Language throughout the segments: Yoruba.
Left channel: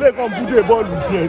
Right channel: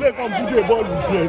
Ele kan bude bọ́ọ̀lù tiẹ̀.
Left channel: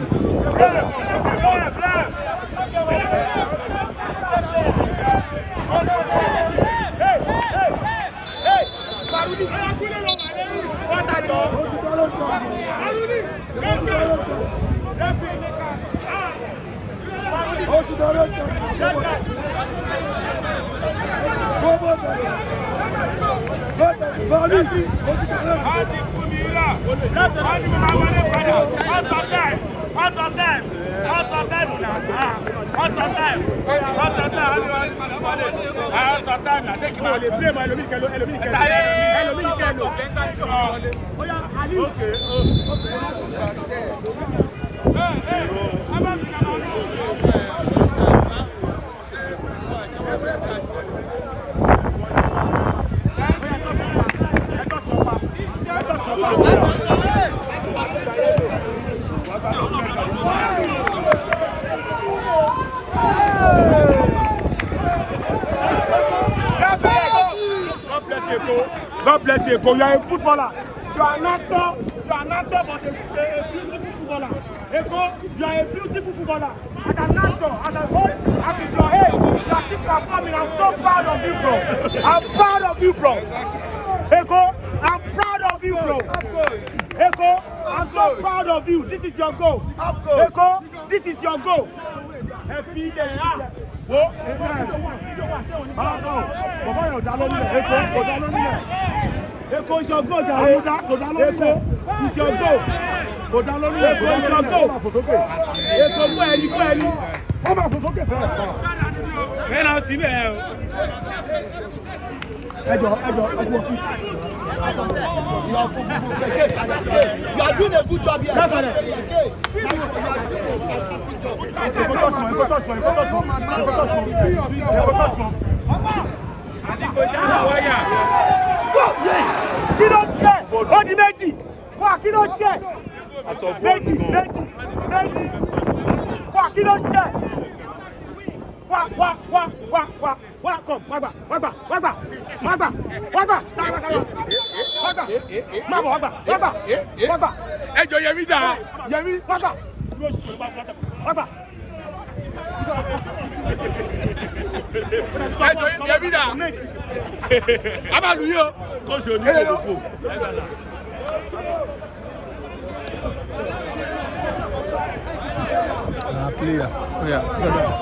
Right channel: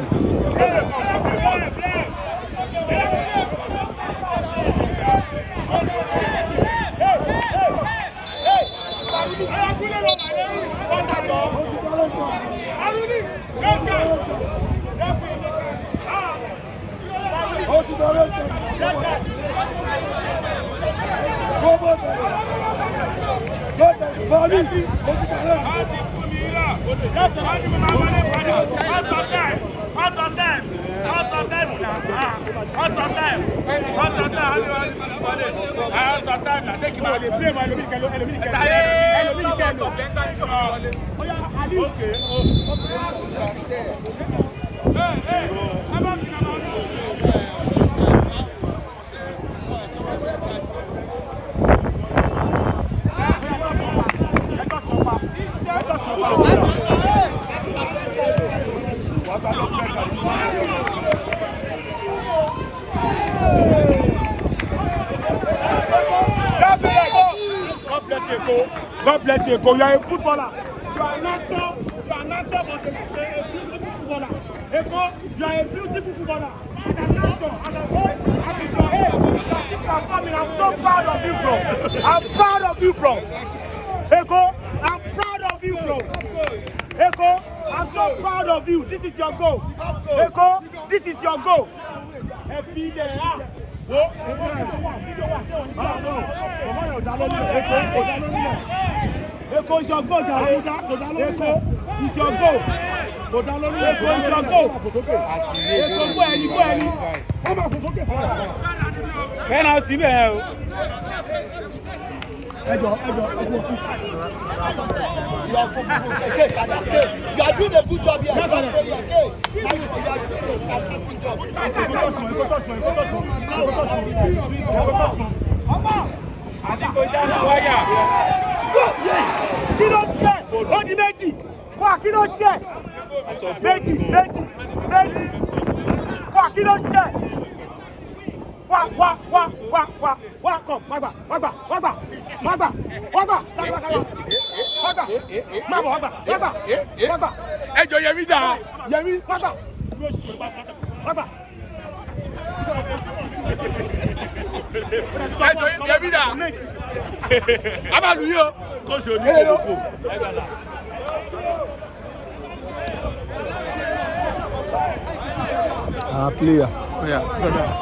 God bless you. You are a footballer. You are an actor. You are an actor, but a beautiful footballer. Eko, you are a beautiful footballer. As an actor, as a whole, and with your age, you are still performing. I'm so proud of you, bro. I'm proud of you, bro. Eko, I'm proud of you, bro. Eko, I'm so proud of you. This is your goal. Eko, this is your goal. Whoa, bàbá yóò dá lórí rẹ̀. Eko kò dá lórí rẹ̀. Eko is your goal, jàre. Àmúdá kò dá lórí rẹ̀. Is your goal. Kò dá lórí rẹ̀. Kò dá lórí rẹ̀. Ó máa fò sókè. Eko kó ẹni. Ó máa fò sókè sẹ́yìn. Fẹ́ràn ti bẹ́ẹ̀ o. Ẹjọ́ ẹkú ọ̀fíìsì. You are doing a good job here. That's all. Kí ló ṣe? Ó di méjì. Wá kí ló ṣe? Méjì. Wá kí ló ṣe? Wá kọ̀ wá gbà. Ẹjọ́ Yẹmí dà. Yẹmí wá gbà. Ẹjọ́ Yẹmí dà. A máa lù yí o. Kó ṣe oníkòlókò. Player. Yeah.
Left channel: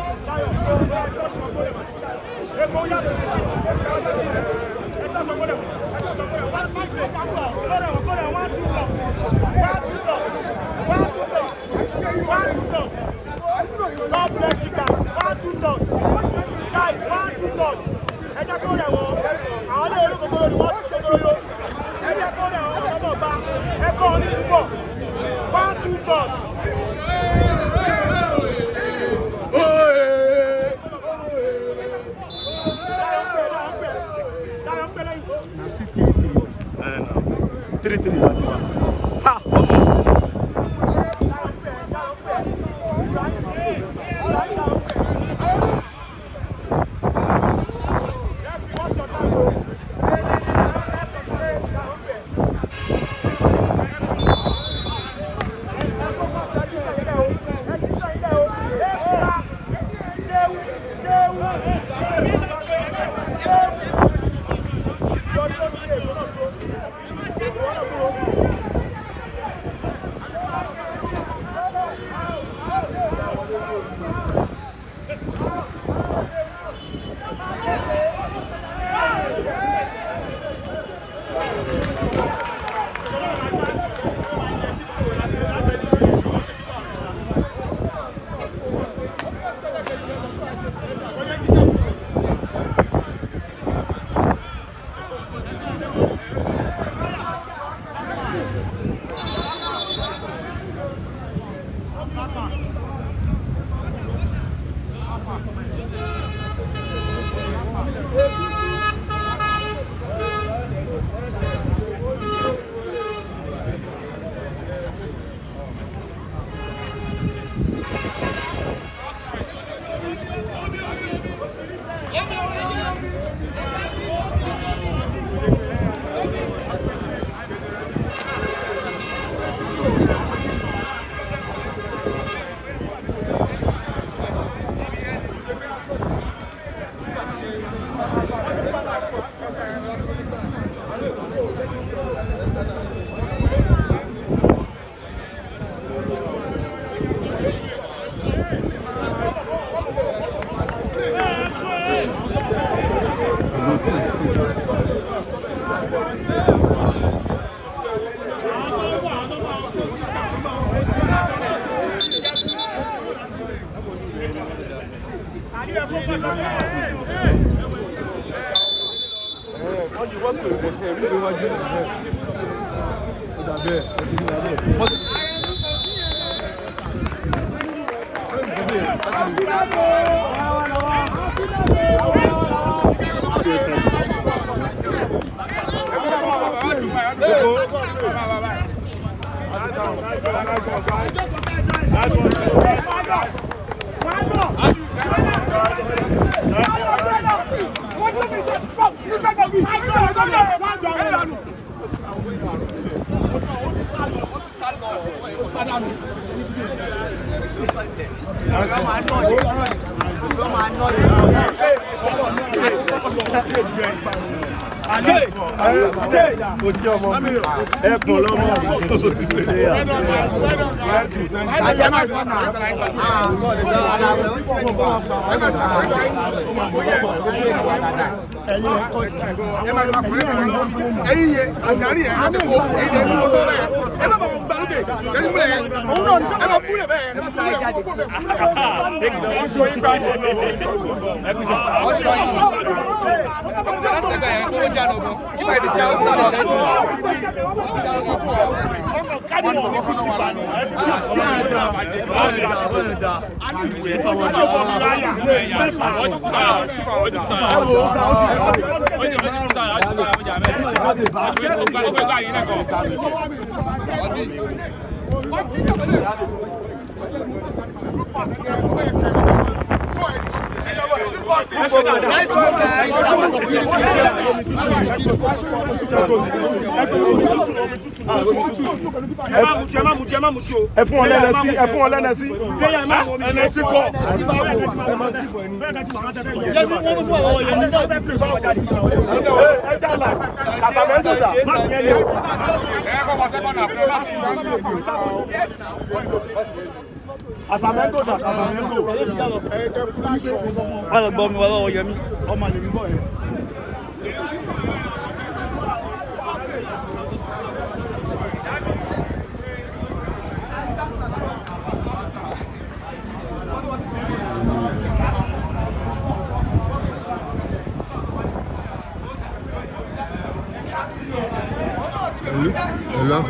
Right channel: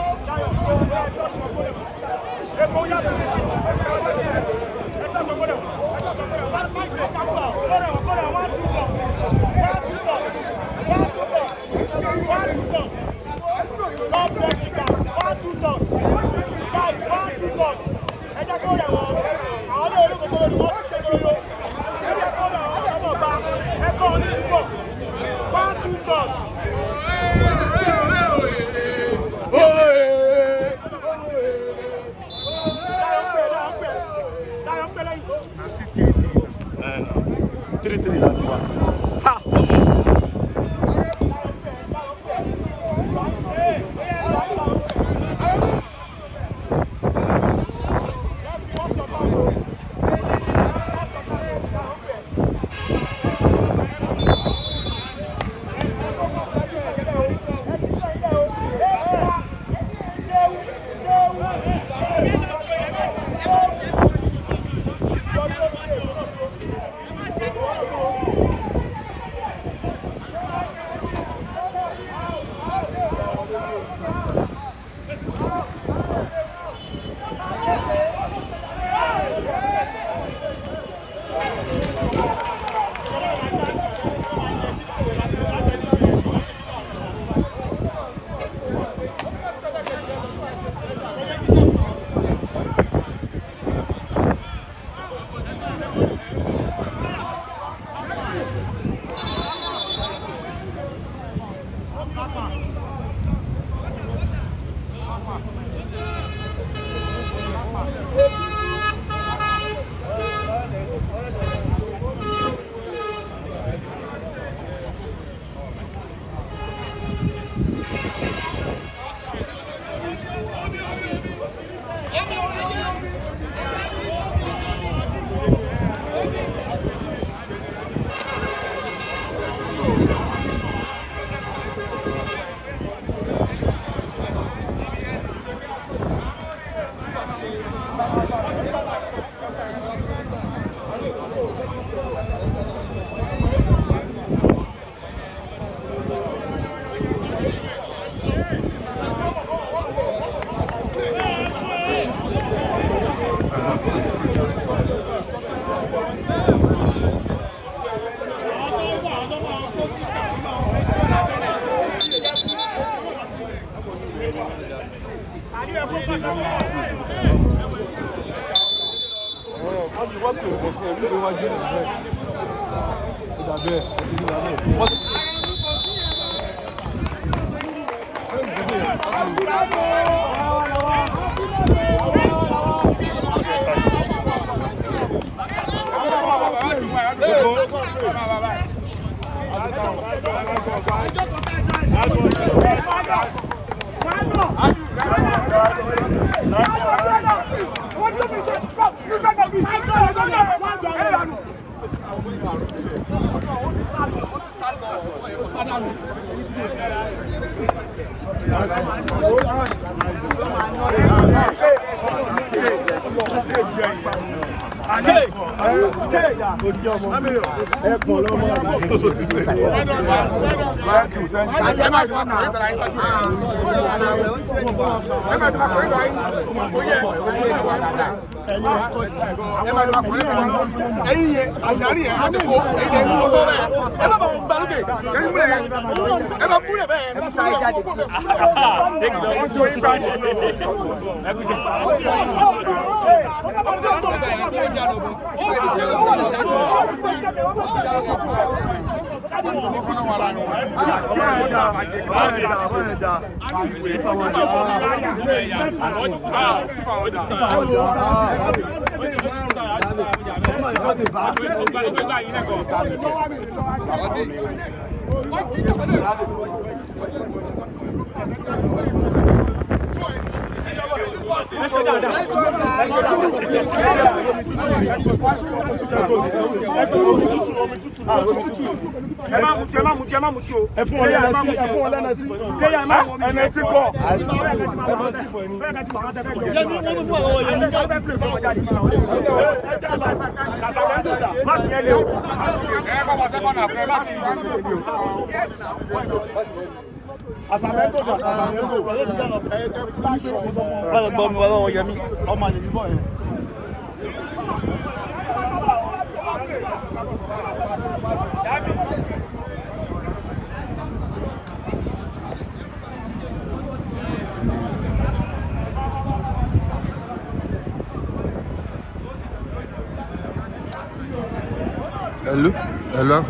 Hello.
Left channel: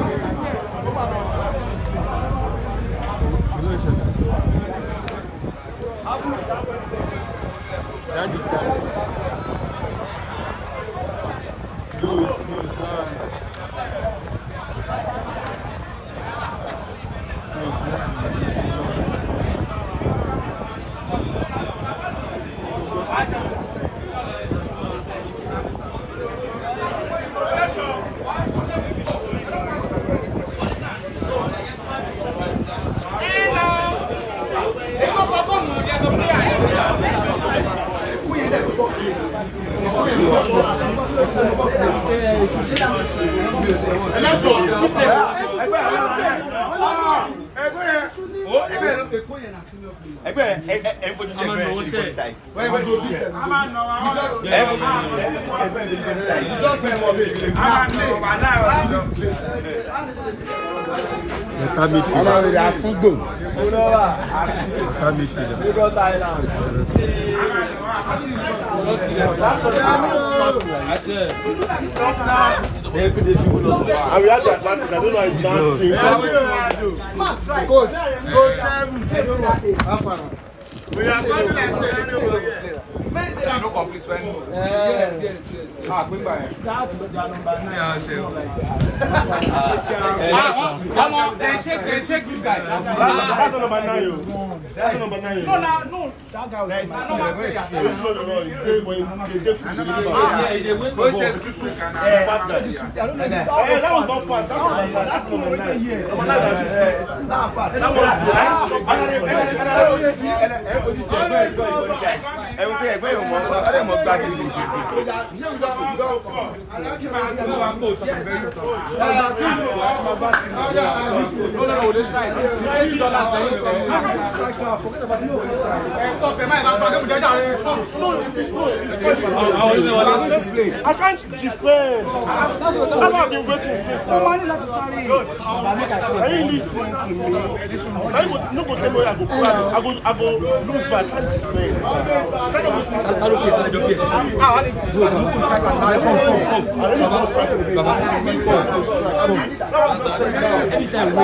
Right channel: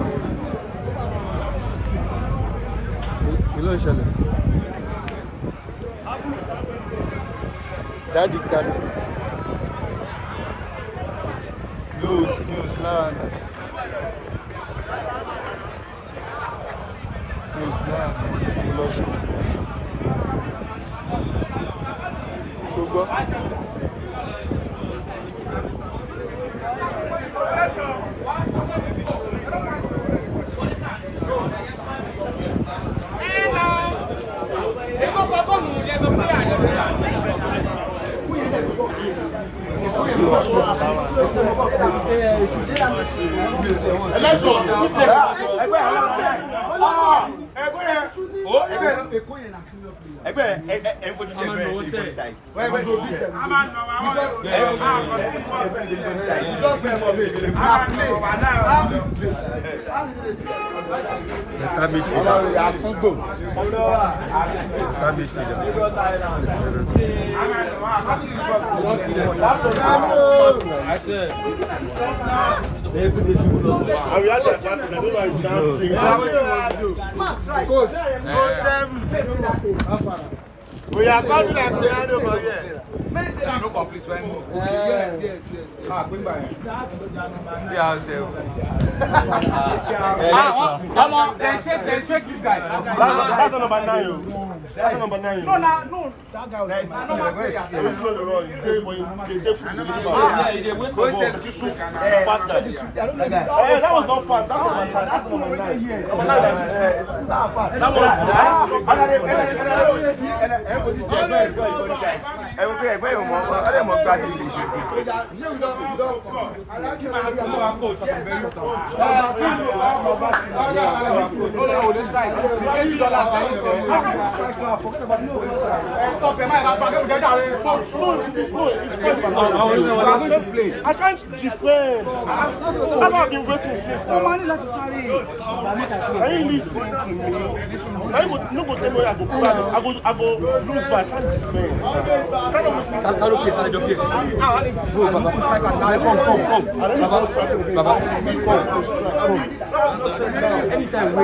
We are confident. No complete when. Yes. Ah, bring by. Come on, they shake this guy. That's number 9. That's number 9. No. That guy was number 3. That was not fast. That's number 9. Everything I don't know exactly. I can't defend. I've been waiting since now. Can you listen to me? No go tell me I go lose, but I can't defend. Anytime we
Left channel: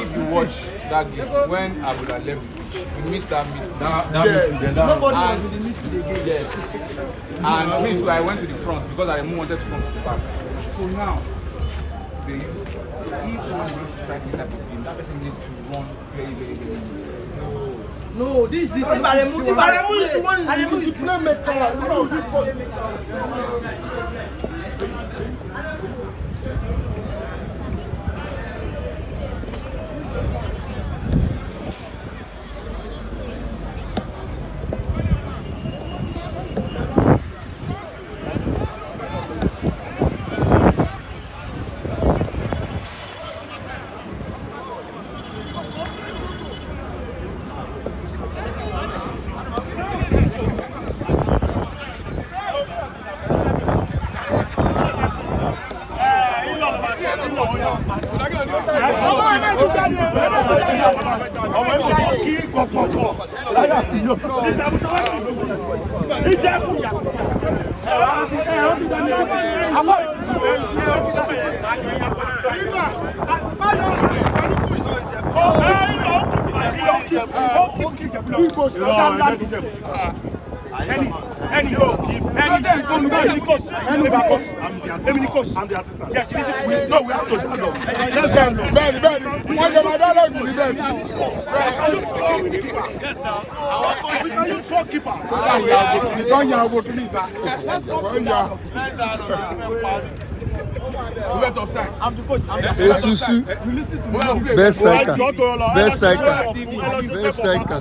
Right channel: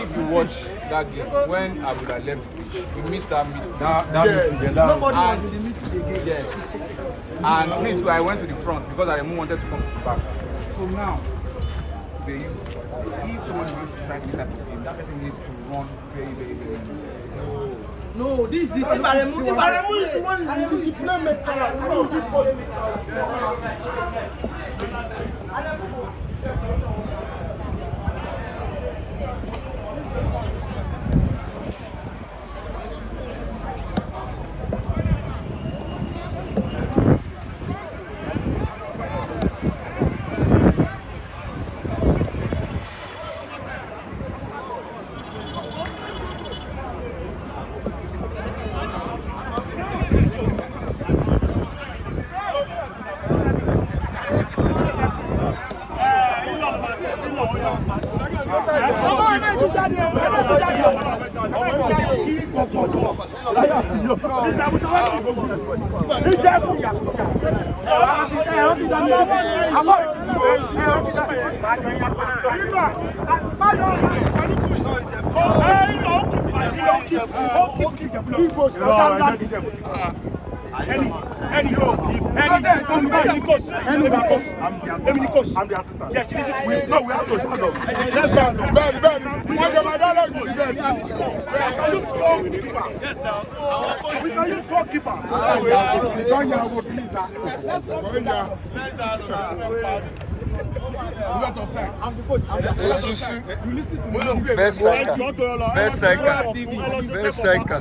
if you watch that game when Abiola left the pitch, we missed that midfield. nobody was in the midfield again. Yes. And me too, I went to the front because I wanted to come to the back. So now, if someone wants to strike this type of game, that person needs to run very, very, very low. No, this is it. Aremu is the one. Aremu is the playmaker. I'm the assistant. Yes, listen to me. No, we have to dialogue. Let's dialogue. We can use four keepers. We went offside. I'm the coach. You listen to me. Best striker. Best striker. Best striker.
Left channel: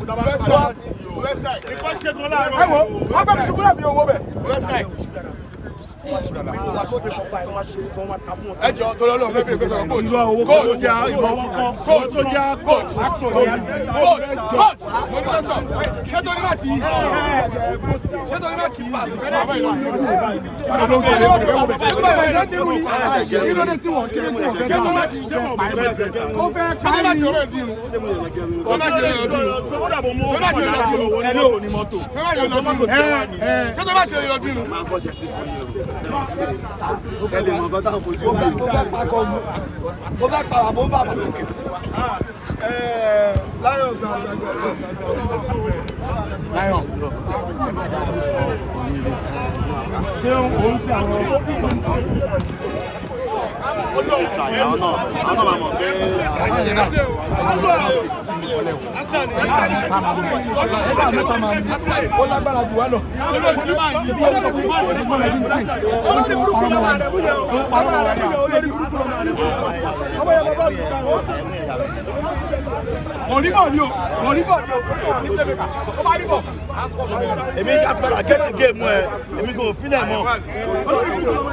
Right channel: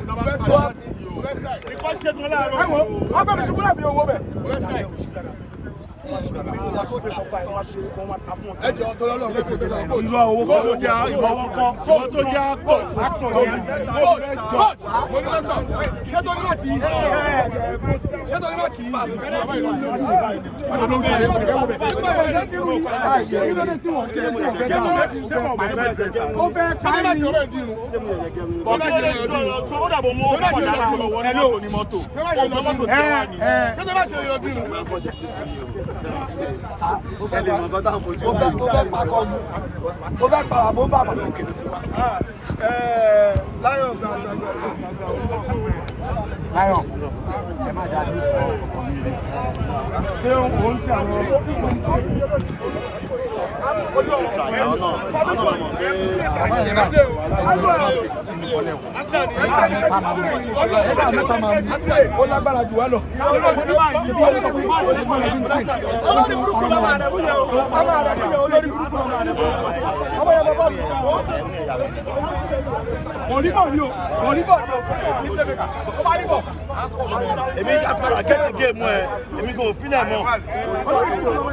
Èmi àti padà get the game ẹ èmi kò filẹ̀ mọ́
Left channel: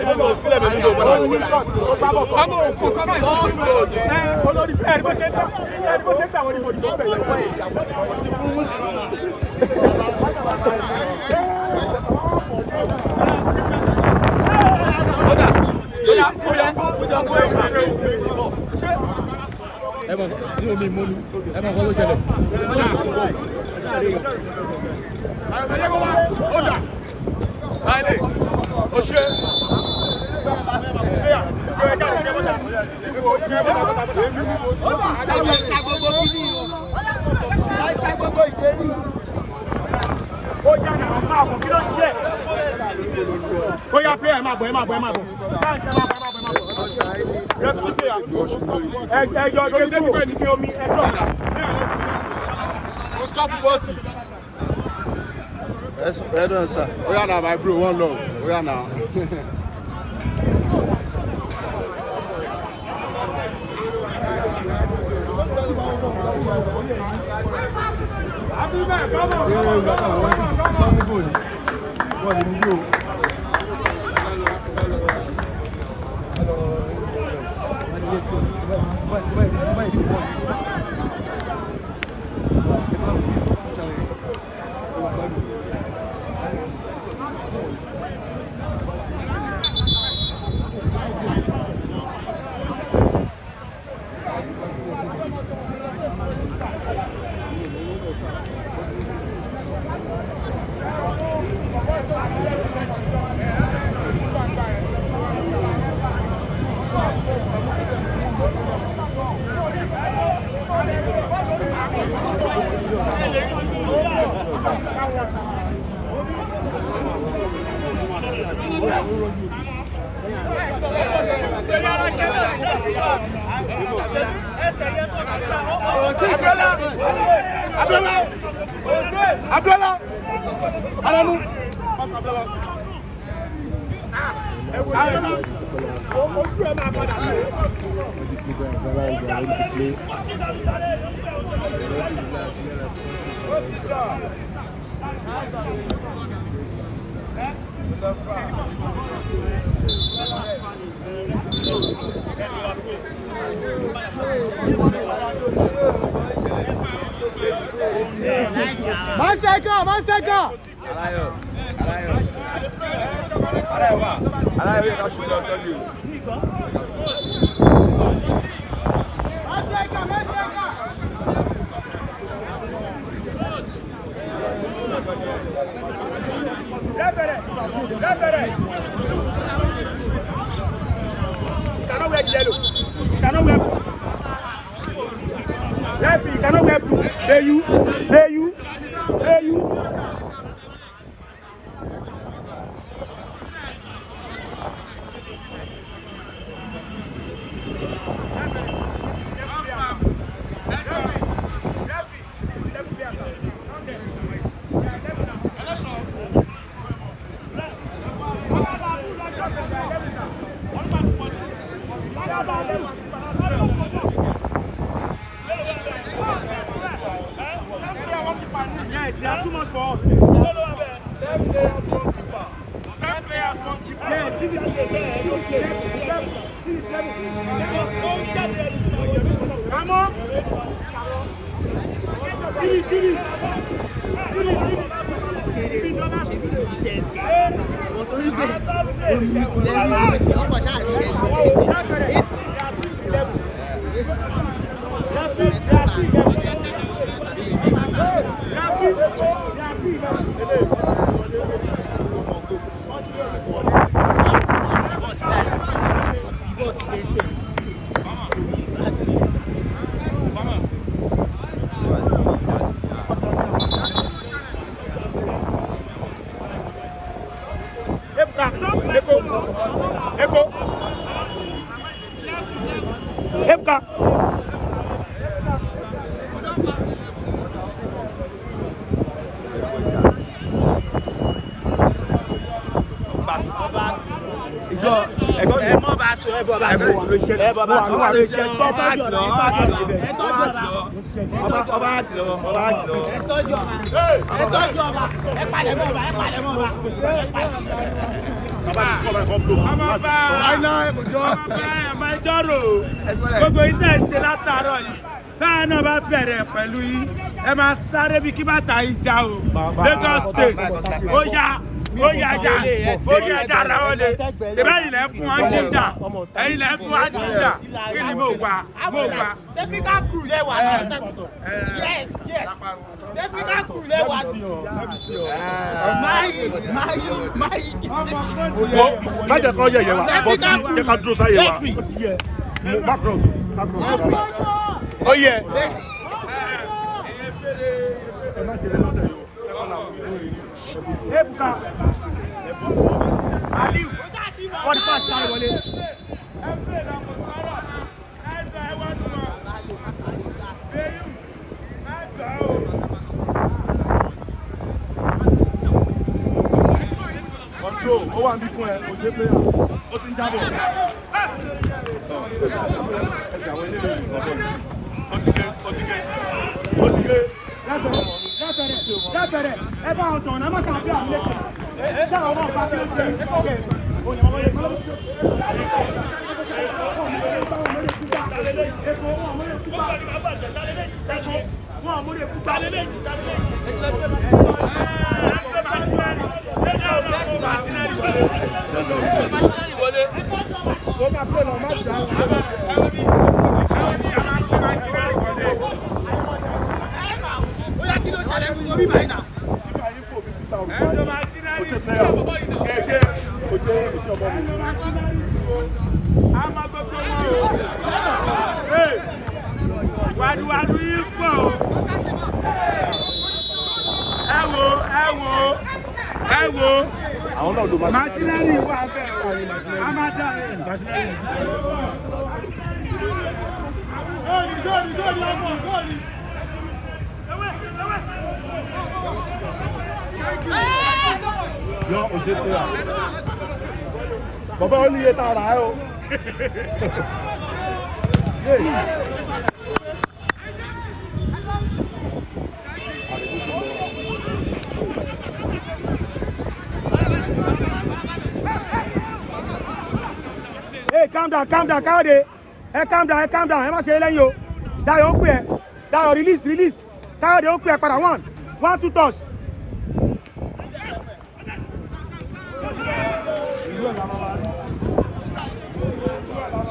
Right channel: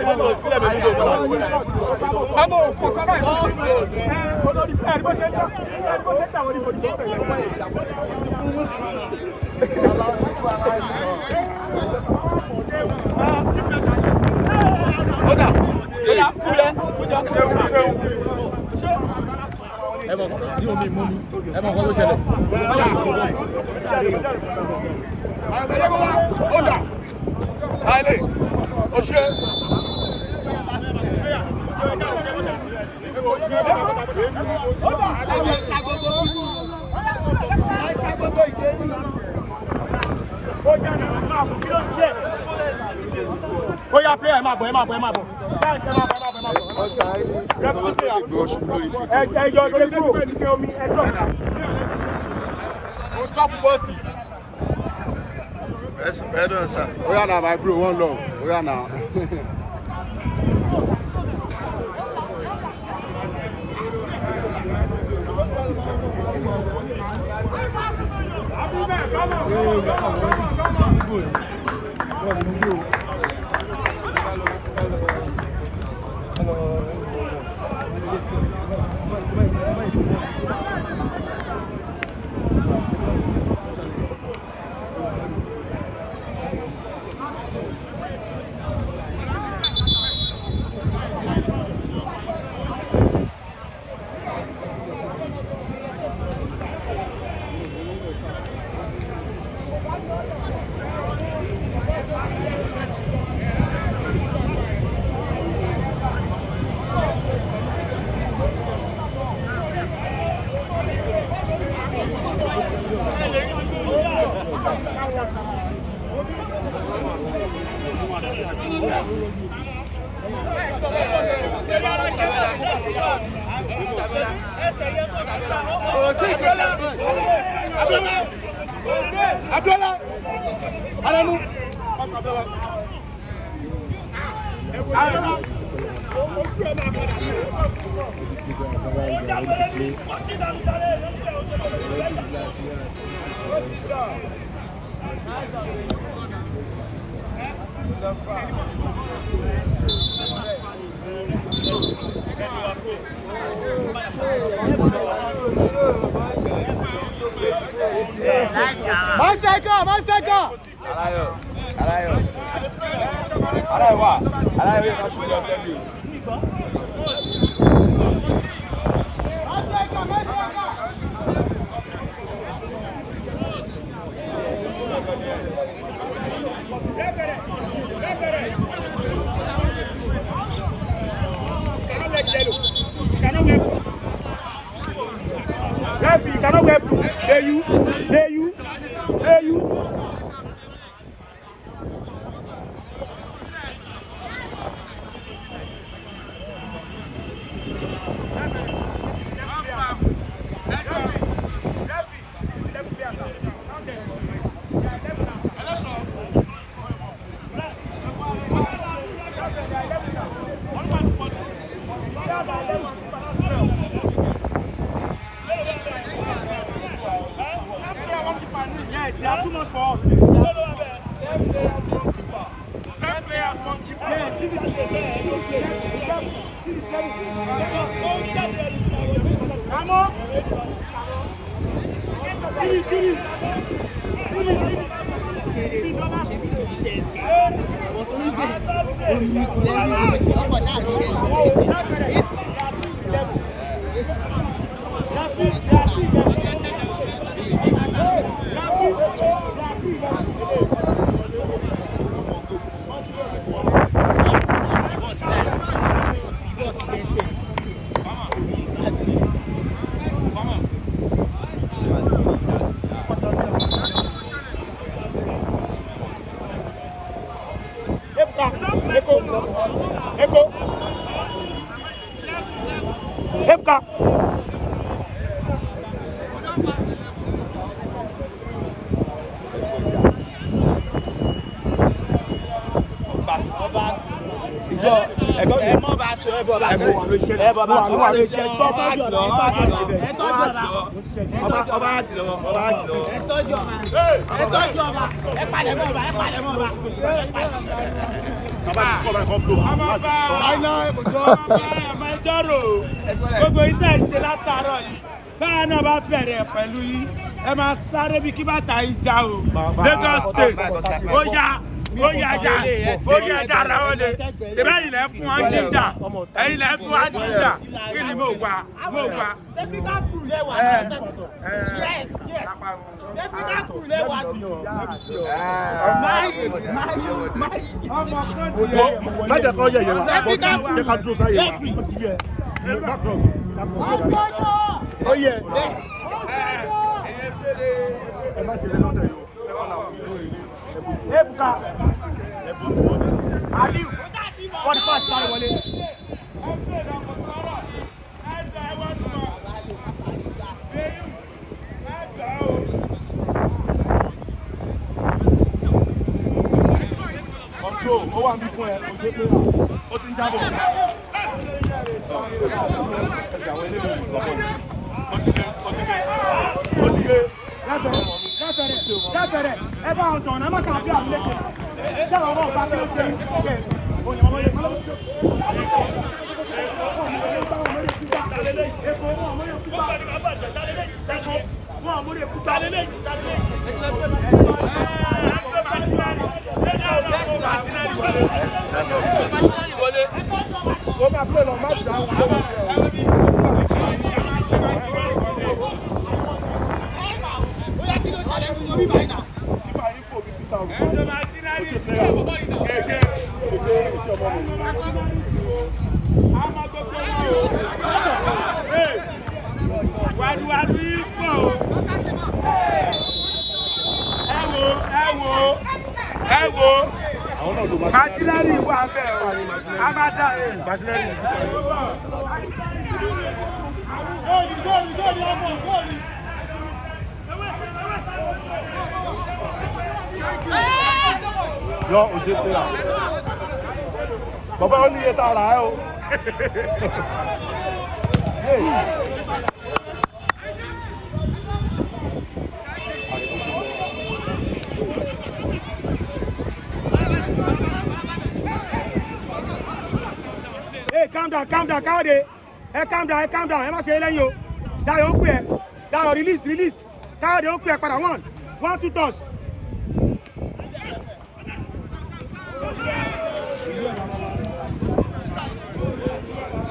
èmi kò filẹ̀ mọ́ èmi kò padà. Kamo òfò Kamo Oya Oya player, ẹ máa bọ̀. Ọ̀sà ẹni tí wọ́n tó lè gbé ọ̀ṣun lórí fídíò. Ẹjọ́ gbé ní pé omi ẹjọ́ ọ̀la. Stop bọ́ọ̀tì. Well done, sir. Oya na my bro, one love. Oya na. Abiola Adamu Master. Yes, they are too much for us. 10 players, 1 keeper. Yes, this is Kamo. Give it. Gbogbo ìtẹ̀ ṣe látàárọ̀ yìí táwọn náà bá bẹ̀rẹ̀ pẹ̀lú yìí ẹ máa sáré bí kí bàtà yìí já o Lagos State ó yá ajá ara wọn lè ìbẹ́ ilẹ̀ fún wọn jíjà ẹ̀yin lẹ̀ fún wọn jíjà kí ni mo wà. Technical crew lè wà náà. Yes. Technical crew lè wà sí o. Má jẹ́ kó yẹ̀yẹ̀ wa, jẹ́ ká dúró sáyé wa. Ó yẹ. Ebuka. What the pass sáré wọlé. Control, ó wà ní fún ẹ, ó ṣe pé ó ti ń jábọ̀. Ẹsẹ̀ àwọn ilé ìlú ìgbàgbọ́ yìí. Ó ti gé. Láfẹ̀rẹ̀, ẹ bá wọn sọ̀rọ̀ náà, ẹ má kàn bí àwọn ilé ìṣẹ̀lẹ̀. Dáhùn ọmọ ọba kí ló ṣe yín. Òyìn ọmọ yẹn kọ́. Yo, ó ṣe pé bàbá ó ní iye tá a rà ẹ́ o. Hey, calm down, Káyọ̀dé. Calm down, ẹ má ṣe é lẹ́yìn o. Dayọ̀ ó pè ẹ́. Dayọ̀ release. Káyọ̀dé ó pè ẹ́ padà 1, 2 touch.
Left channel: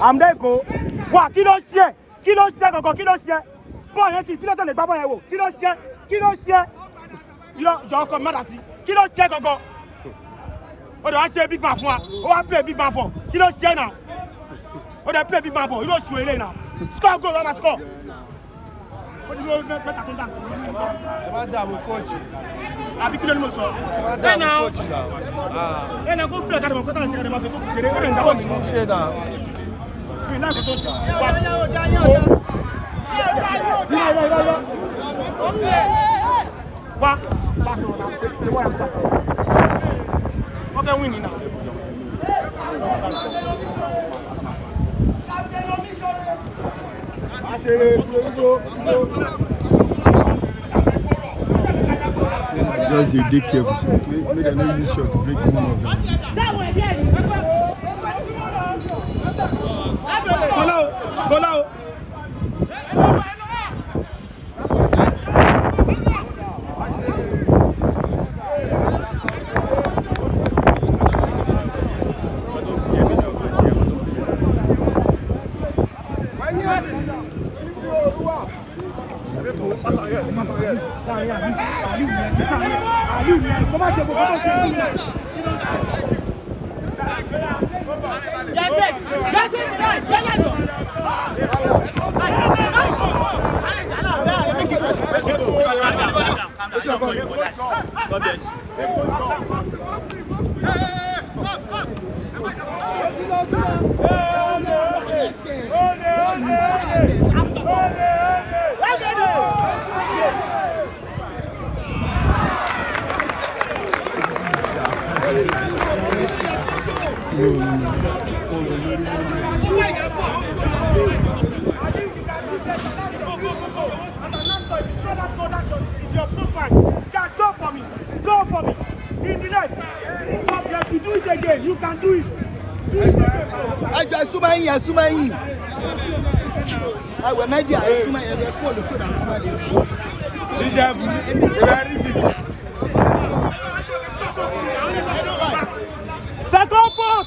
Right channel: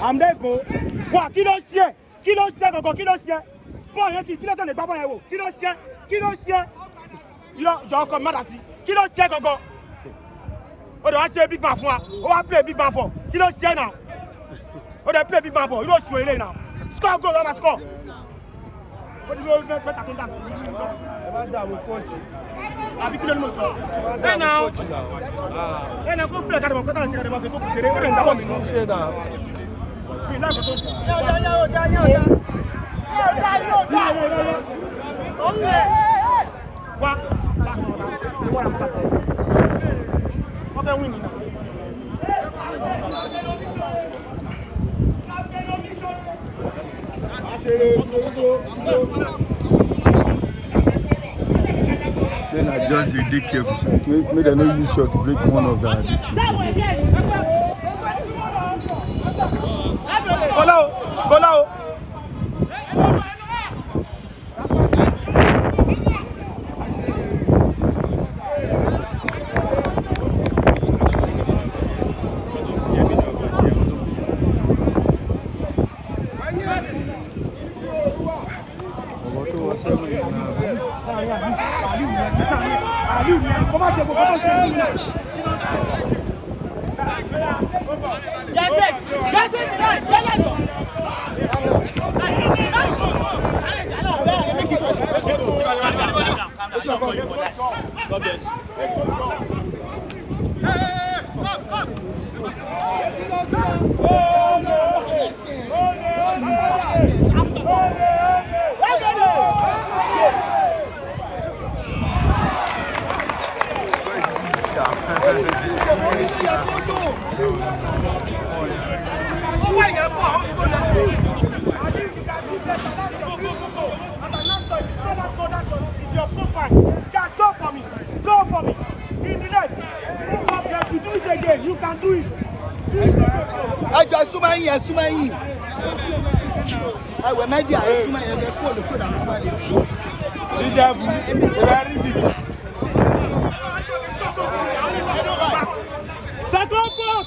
Àmdẹ́kọ̀ wà kí ló ṣe gangan kí ló ṣe bọ́ọ̀ yẹn sì kí ló tẹ̀lé gbá bọ́ọ̀ yẹn wò kí ló ṣe jọ ọkọ mi má dà sí kí ló ṣe gangan ó dẹ̀ wá ṣe big man fún wa ó wá play big man for kí ló ṣe náà ó dẹ̀ play big man for irú òṣùwọ̀n ilé náà score goal ọmọ score ó ti ló mẹ́ta tó ń dà sí i. Ẹ má dààmú kóòtù. Àbí kí ló ní mo sọ. Ẹ má dààmú kóòtù náà. Ẹ náà kó fílẹ̀ káàdì mọ̀ kọ́tà ṣe káàdì mọ̀ fi tó kù ṣeré ó lè ń dáwọ́ mi. Ṣé náà? Fi náà kò tó ṣe. Wá. Wọ́n fẹ́ win ni náà. Just dey careful, make dem no use shot to break one of them. Go now. Go for me. In the net. You do it again. You can do it. I súnmọ́ yín. Ẹ̀wẹ̀ mẹ́díà ẹ̀ súnmọ́ yín ẹ̀fẹ̀ kó olùsọ̀dà kọ́mọ́ lè rí. Second ball.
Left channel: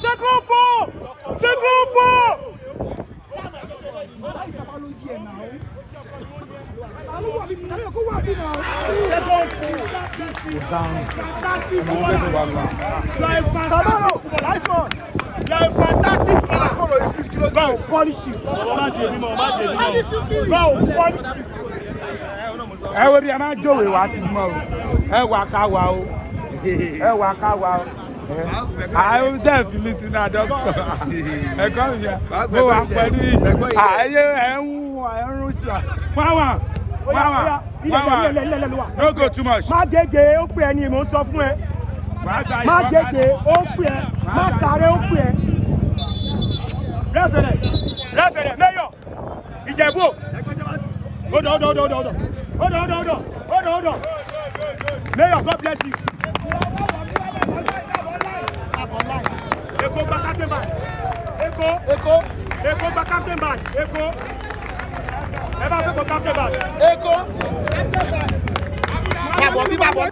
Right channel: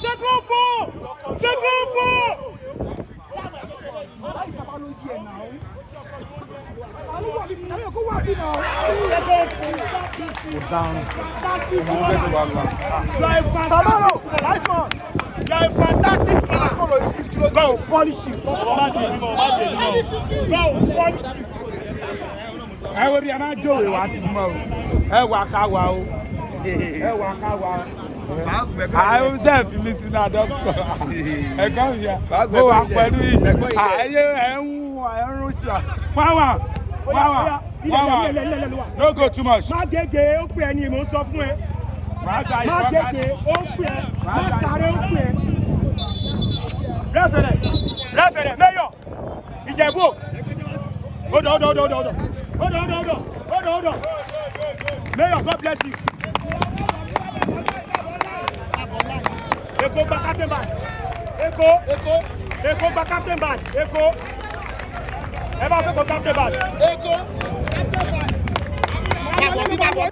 Fantastic footballer. Go polish him. Ẹ wo bí a máa jòwé wá sí mọ́ o. Ẹ wà ká wa o. àwọn tẹ́ fi mí sí náà dọ́kítọ̀ ẹ̀kọ́ mi yẹ mo wà pẹ̀lú ẹ̀yẹ ẹ̀rún ṣà wáwà no go too much. má gègé ó pè ẹ́ ni mò ń sọ fún ẹ má gègé ó pè ẹ́ má sáré ó pè ẹ́. rẹ́fẹ̀rẹ̀ mẹ́yọ̀ ìjẹ̀bú hold on mayor God bless you. Eko gba captain bag. Eko gba captain bag. Eko captain bag. Eko. Bàbọ̀ bí bàbọ̀.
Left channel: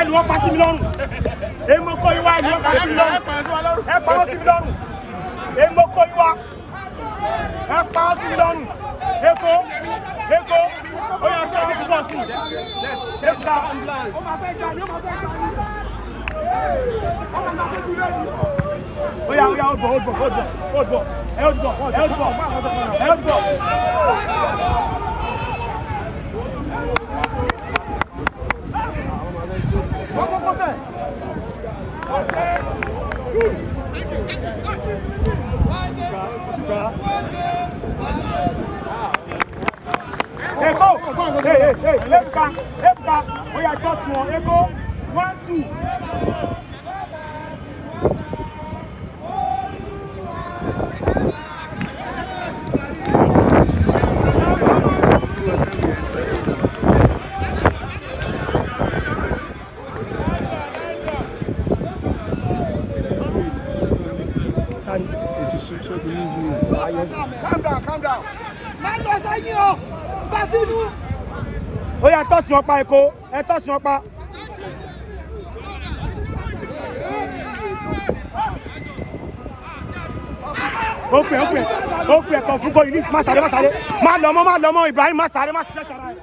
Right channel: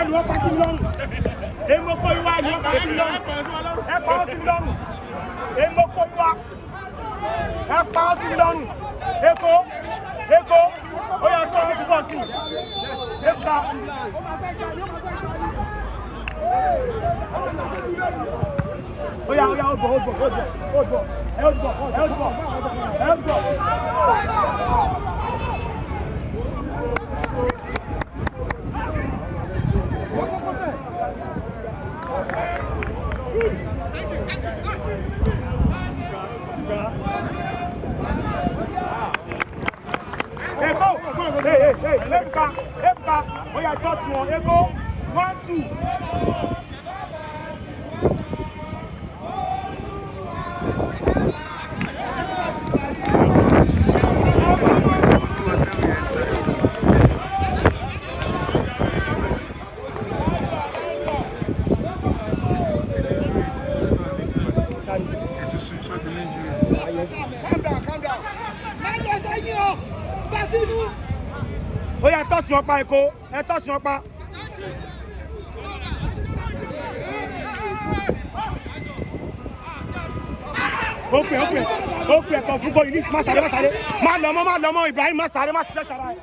ẹnu ọpa sí mi lọ́rùn èmo kó iwá ẹnu ọpa sí mi lọ́rùn ẹ pa ó sí mi lọ́rùn èmo kó iwá ẹ pa ó sí mi lọ́rùn Eko ó yẹ kó ó sí bọ́ sí Eka ó yà ó bọ̀ ẹ ó bọ̀. Hey, Ebuka, we are touching on Eko, 1-2. Calm down. Ó yá tọ́sí ọ̀pá Eko, ẹ tọ́sí ọ̀pá. Ó pè ẹ̀kọ́ fún kò yìí má sáré. Má lọ mọ́ Ibrahim má sáré má sílẹ̀ sára ẹ̀.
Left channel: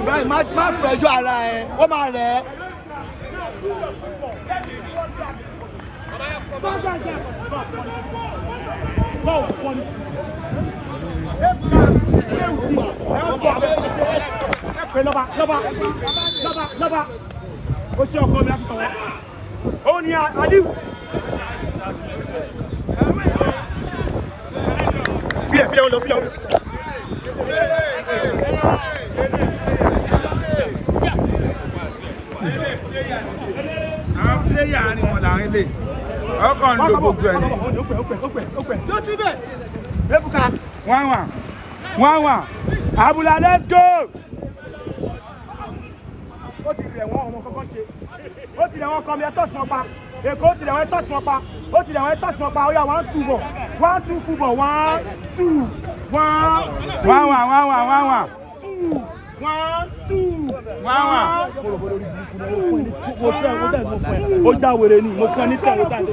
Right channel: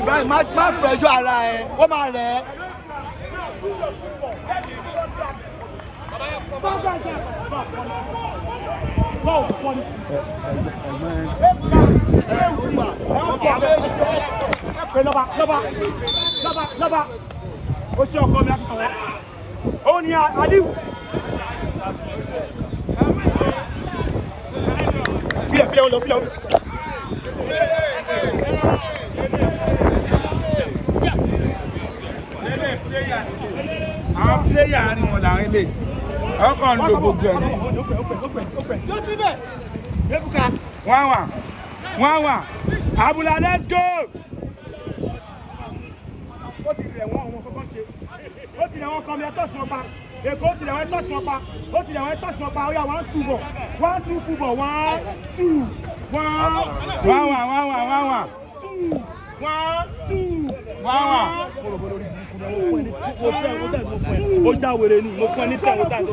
Ibrahim má pressure ara ẹ̀, ó máa rẹ̀ ẹ́. Lọ́ba ó ṣe ọkọ mi láti tọ̀wọ́ ó ní Aliu fílẹ̀ ó lọ fílẹ̀ ó lọ. Pléyà ni wọ́n là ń lè ọkàn ló gbogbo ẹ̀ ní. Tó síbẹ̀. Ebuka. Wọ́n Abula let's go. Ó ti rẹ̀ wọ́n ọmọ kọ́kọ́ ṣe. Ó ti rẹ̀ wọ́n kọ́ mi ẹ̀tọ́ sùn ọpa. Èkó ti rẹ̀ wọ́n ẹ̀tọ́ sùn ọpa. Ó ti rẹ̀ wọ́n ẹ̀tọ́ sùn ọpa. Ó yá 1-2 bọ̀. 1-2 fúbọ̀ 1-2 ó já wèrè ni mo fún ní tẹ̀lé tàbí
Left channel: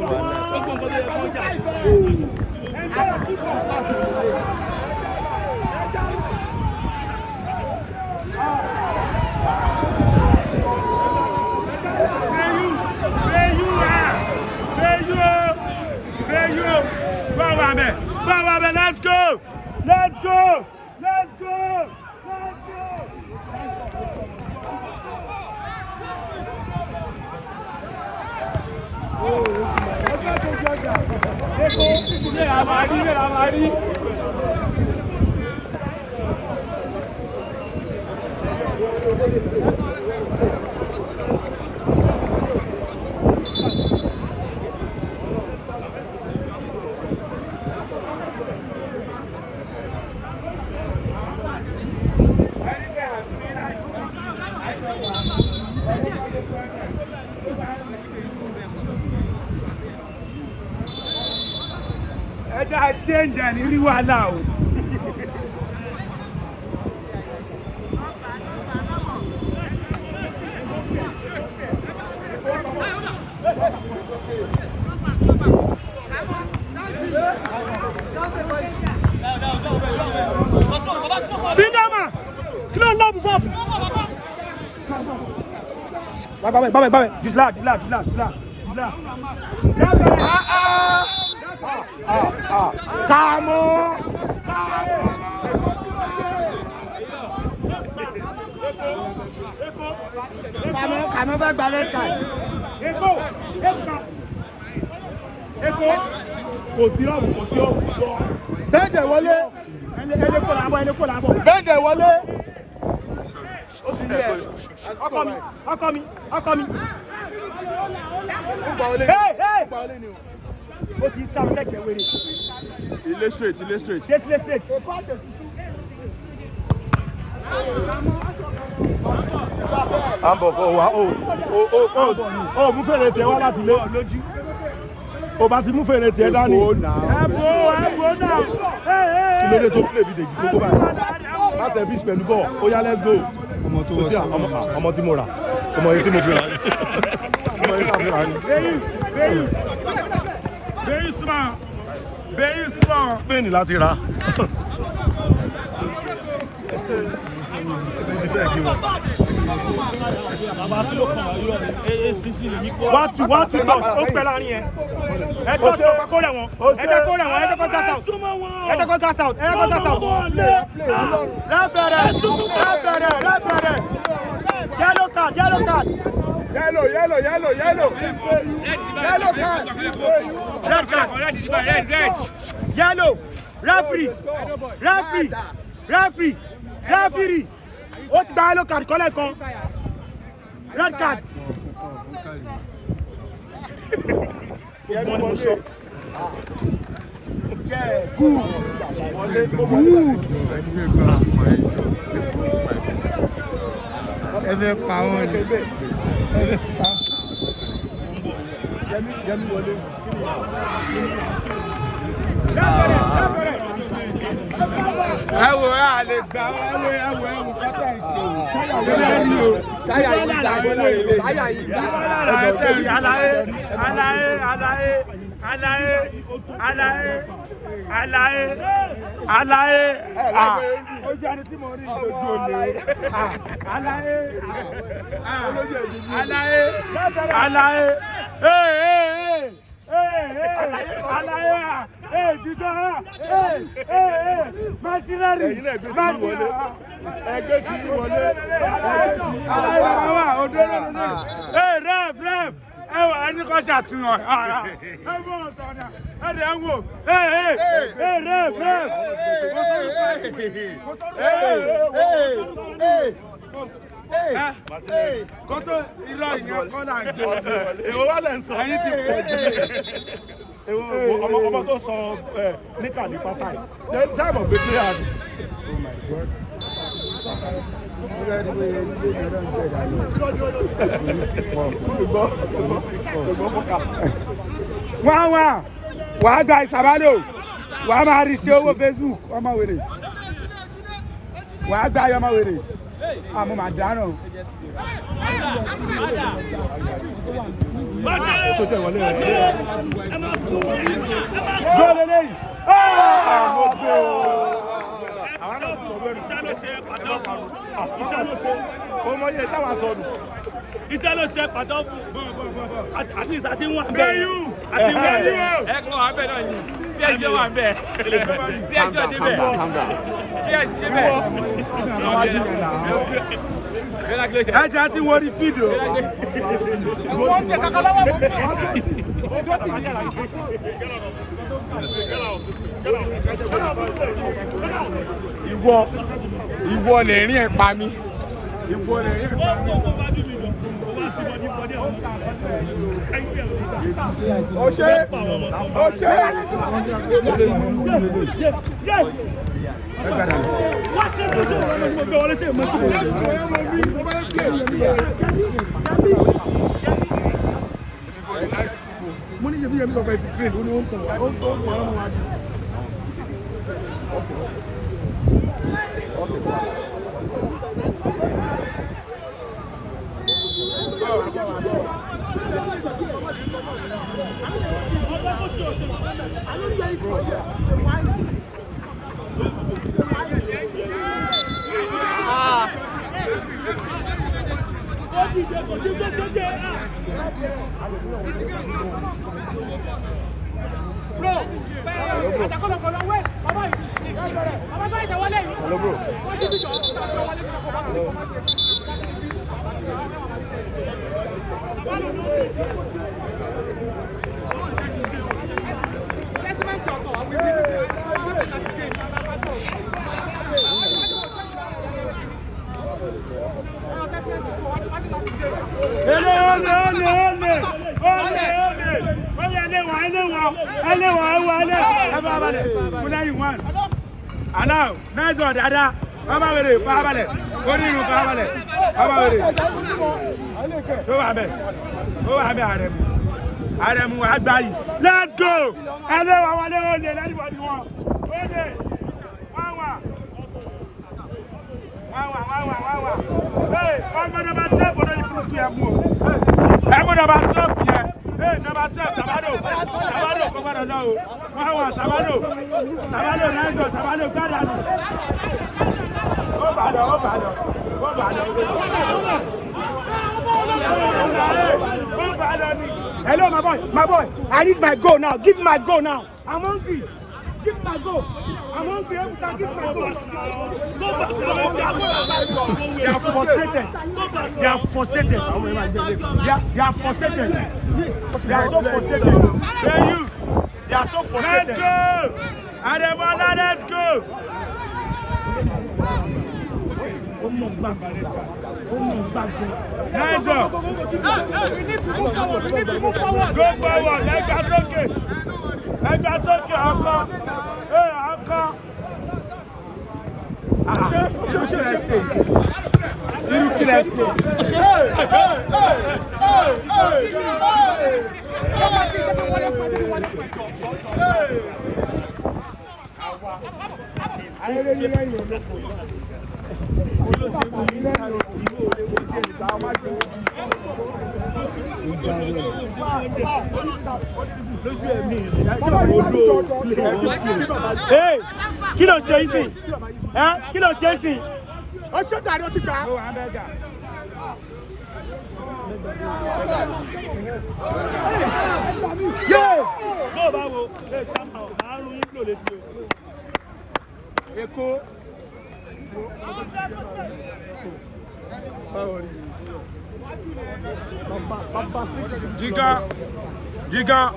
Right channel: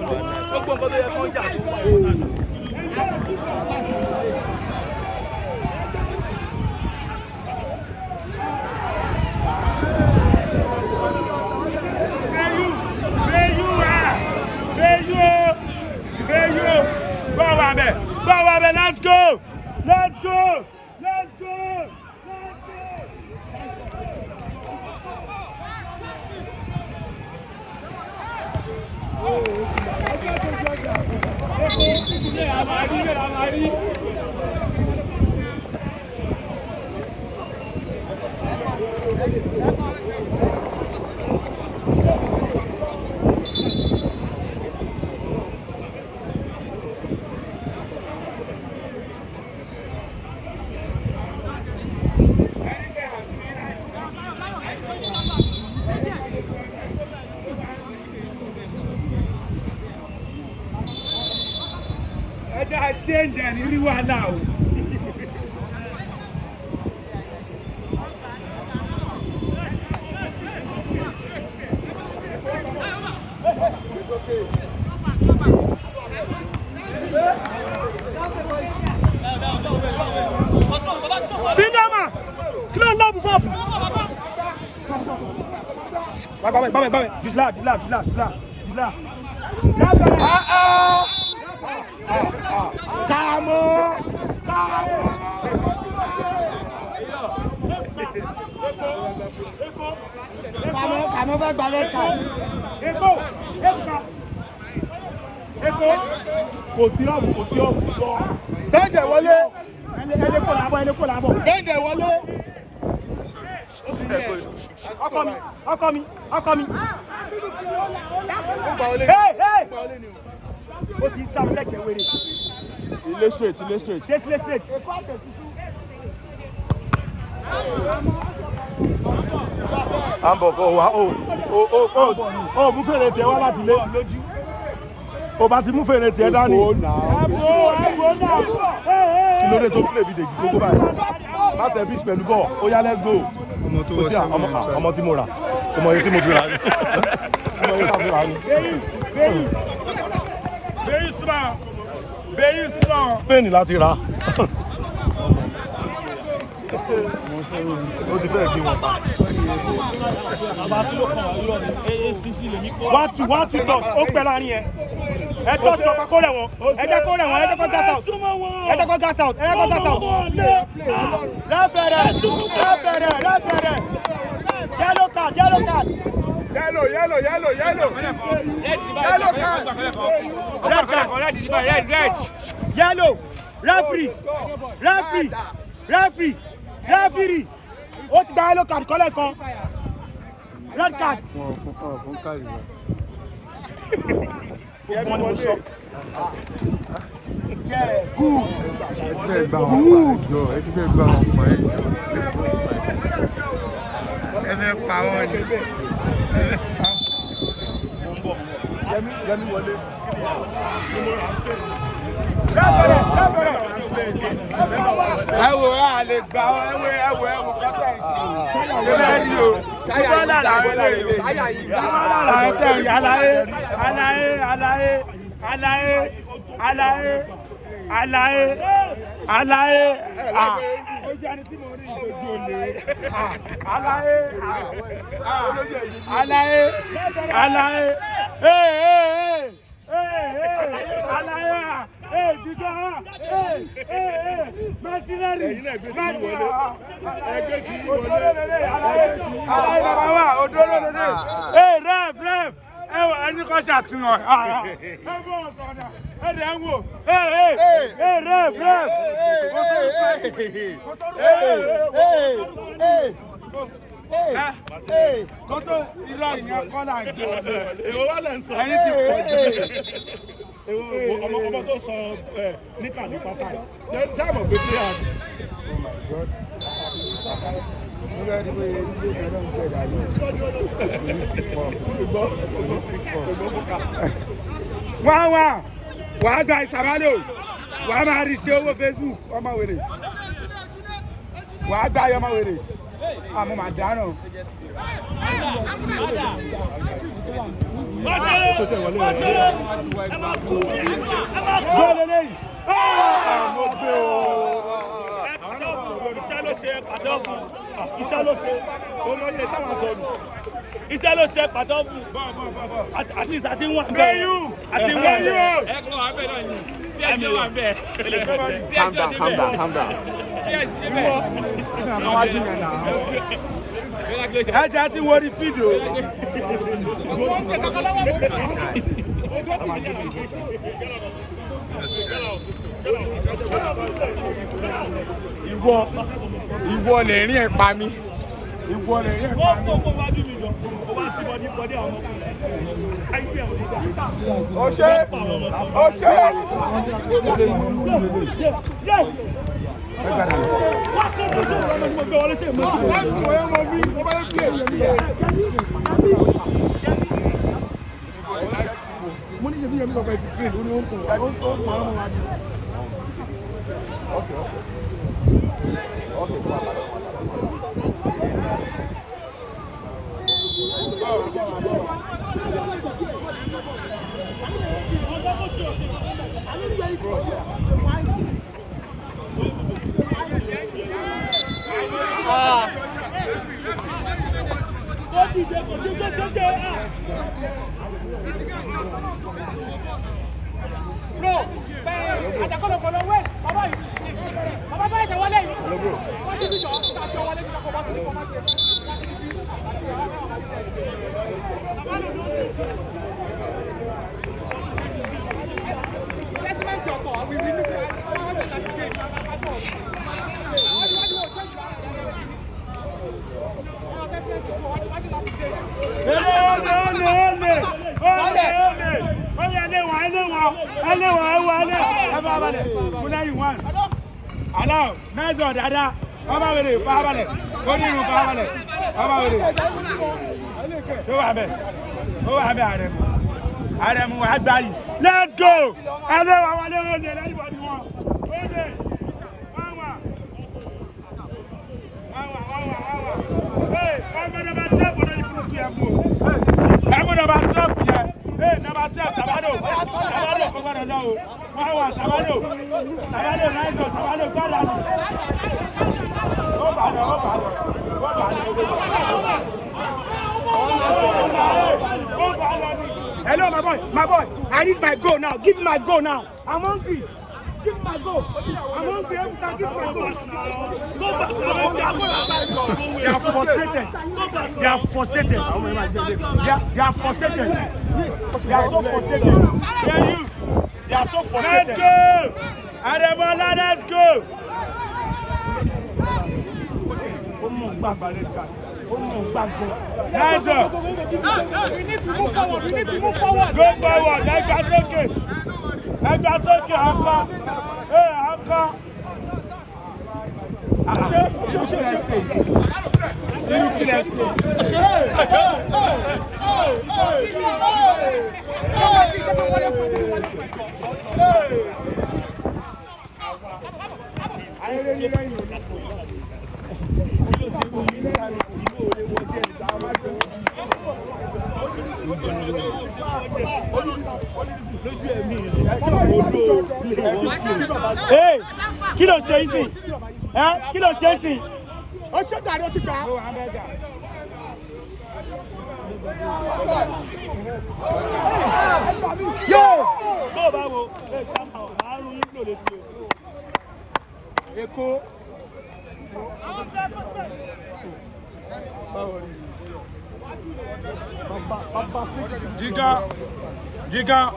let's go. Change and you are now. Bye. Just là. Kamo. Kamo va gbalẹ̀ ká. Eko. Kò sí ọ̀bù. Bẹ́ẹ̀dẹ̀ wọlé. Ẹni kò làbọ̀. Bẹ́ẹ̀dẹ̀ wọlé. Ọkọ mi. Hey. Ó ti sá lẹ́gbẹ̀ẹ́ wèrè. Ilé straight. Straight. Ambọ̀ kò wá o mú fèrè tiẹ̀ wá láti ilé. O bá ti mú fèrè tiẹ̀ dání. Ẹ̀bùn náà. Kí ló dé tó play bí dèjì gbogbo báyìí? Má ṣe fish pẹ̀lú bọ̀, ó yá let's go. Ọmọ tí mo rà, ọmọ yìí tí mo fi rà. Spain láti rà. Mo ti fẹ́ kí wọn. Bàbá kí ló kàn irọ́ ni AACC lè ní kó. Wọ́n tún tọ̀ ó pẹ́ láàrin ẹ̀. Ẹ tó sọ kó rẹ̀ wọ́n. Ẹ jẹ́ kó rẹ̀ wọ́n. Ẹ jẹ́ kó gas out. Lẹ́fẹ̀rẹ̀. Yellow card. Yellow card. Yellow. Referee. Ó ti gba yellow card kọ́lẹ̀ kan. Red card. Ọmọ tó sọ níkà ní pátá yìí sáà mọ̀ pé kí á. Wàá gba ìsàbálò wàá máa rí sí owó Facebook ọmọ wèrè wàá gba ọmọ wèrè àmọ́ màá dáná. Gbọ́dọ̀ lẹ́yìn. Mo gbé o. Àwọn náà ti sọ wẹ́rù. Iṣẹ́ ló ṣe pàtó. Ó mọ iye táwọn sọnù. Iṣẹ́ ló ṣe pàtó. Àti ìsàtí wọn. Gbẹ̀yù. Àti gbẹ̀yù. Ẹ̀kọ́ wà bẹ́ẹ̀ náà ni. Bí ẹjọ́ wà bẹ́ẹ̀. Bí ẹjọ́ débẹ̀. Bí ẹjọ́ débẹ̀. Ẹja ti wọ́n rí fídíò. Wọ́n ṣe sàkálọ́wọ́ mọ́. Ìwọ lè rí ẹ̀ pa mí. Ọṣẹ. Mo ní ṣebí yẹmi sọ fẹ́ ti train ó ní ó ń tàn ọmọ wa ni. Hello, bro. Hello. Allow, nice one, Dada. Baba Vere, Baba Vere. Go in, Baba Vere. Baba Vere. Go Abe. Go Abe, Adam. Adam, let's go. Adam, I want to anybody want. Okay. Wawa. Hey, I'm going to tap for the Yamu. I'm going to tap here. Hey, number 10, Sabado, come on now. Wawa, Sabado, nice one, Sabado, hello, my boy. I need my goal now. Give me my goal now. I'm hungry. Give me my goal. I'm hungry. Every time, give me my goal. They are frustrated. They are frustrated. They are frustrated. They are so frustrated. They are so frustrated. Let's go. Adebayo, let's go. Nice one. Go forward. Like that rocket. Like that rocket. Hey, hey, kí ló ṣe isi? Kí ló ṣe isi? Ó ṣe tàbí ó ti gbà. Yo! Go báwo? Ẹ ṣáà àrùn yín lò létí o. Èkó. Jigan.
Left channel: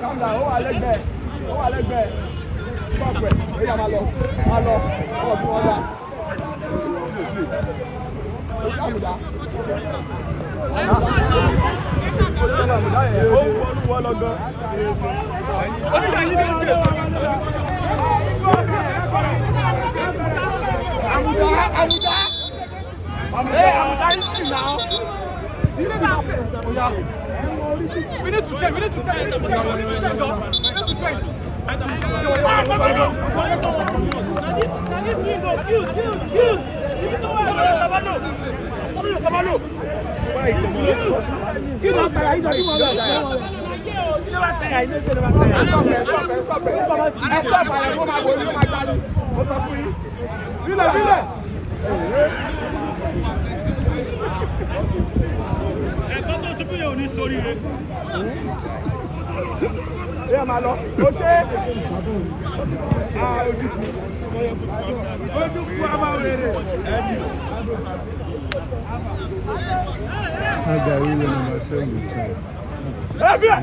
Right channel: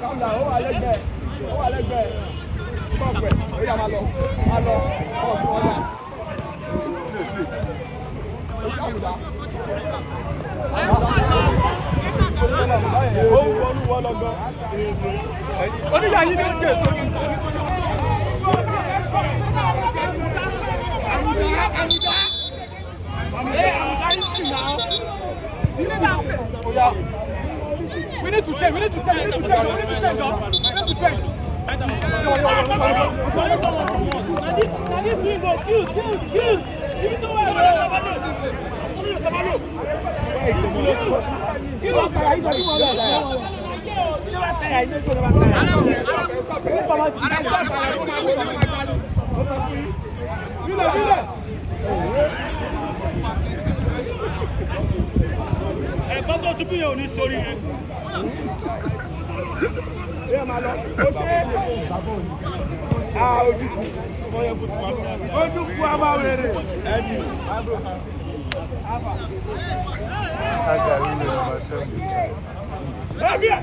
Calm down. Ó wà lẹ́gbẹ̀ẹ́. We need to check.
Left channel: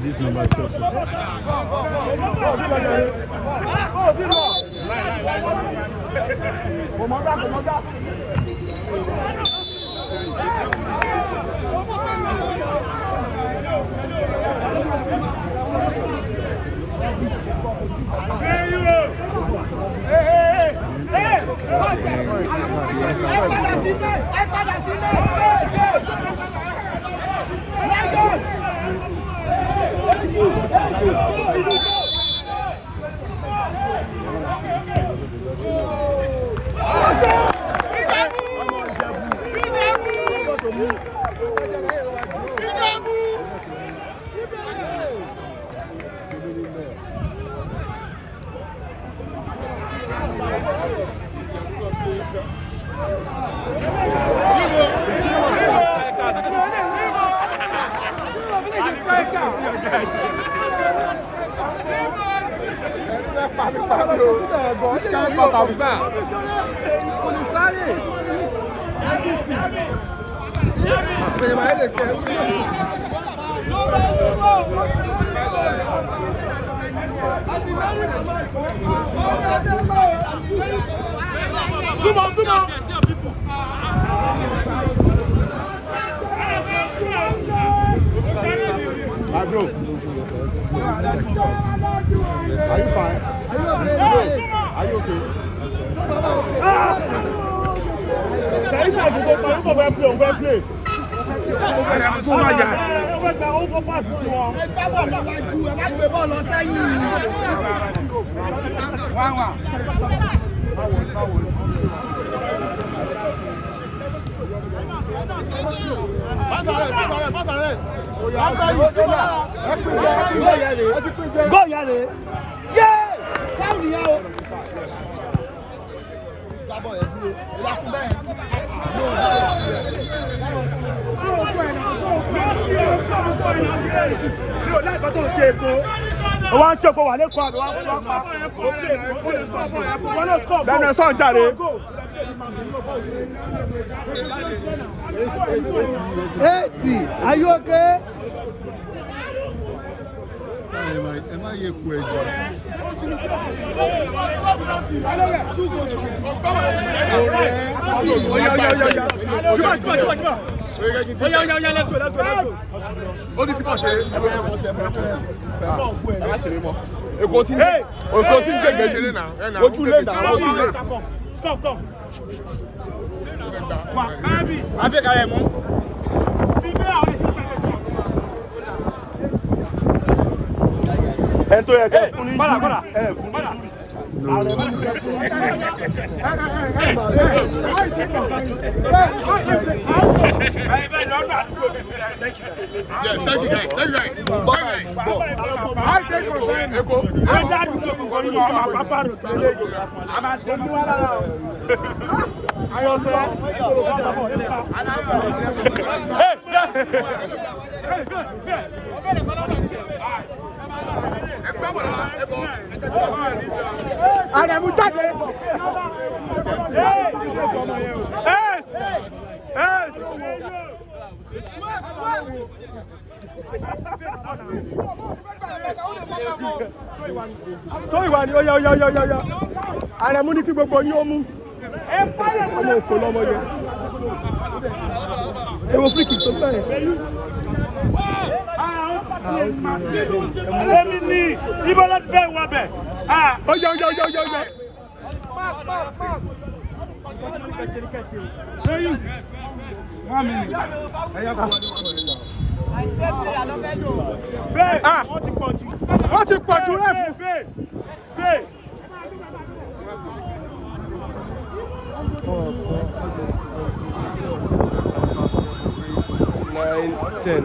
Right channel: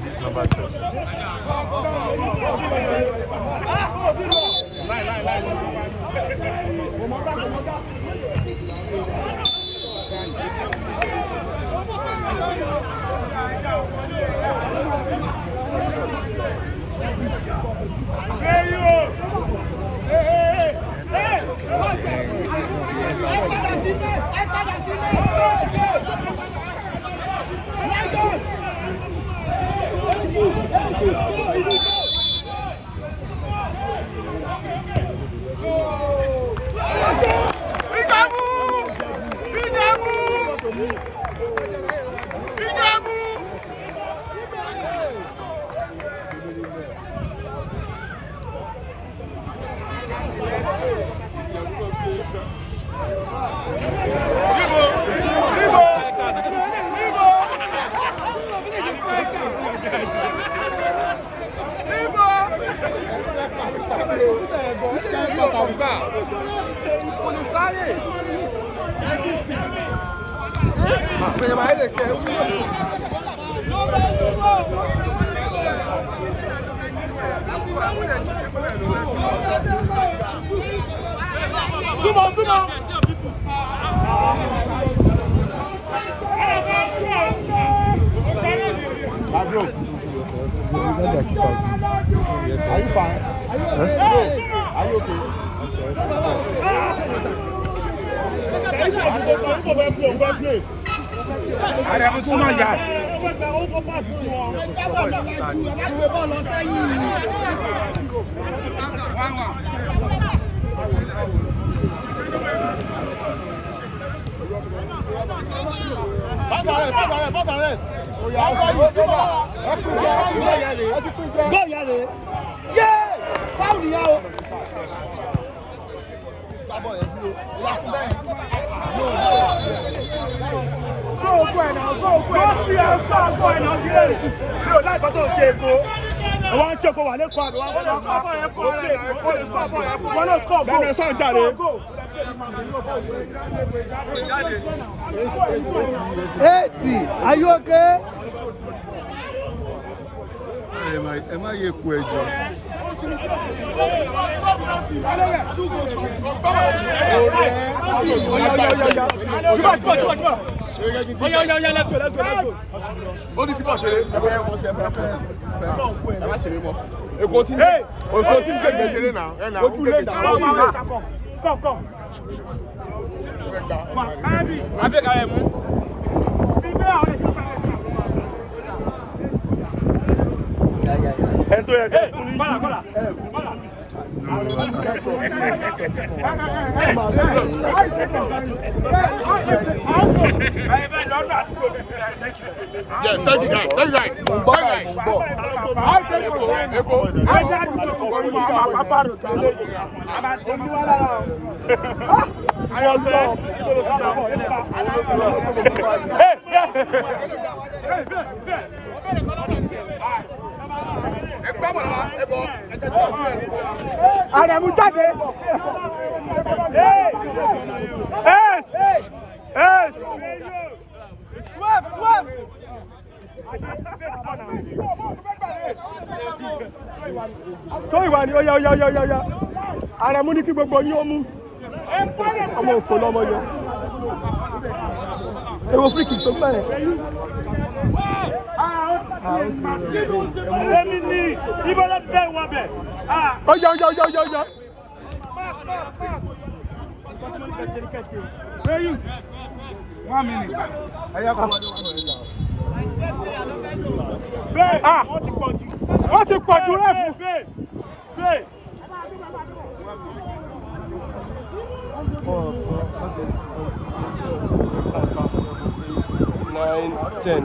This number 2. Go, Yale! Yeah! Foul now! One shot go wale kwa one score go. Then son jare. 80. Are you okay? Am I a question?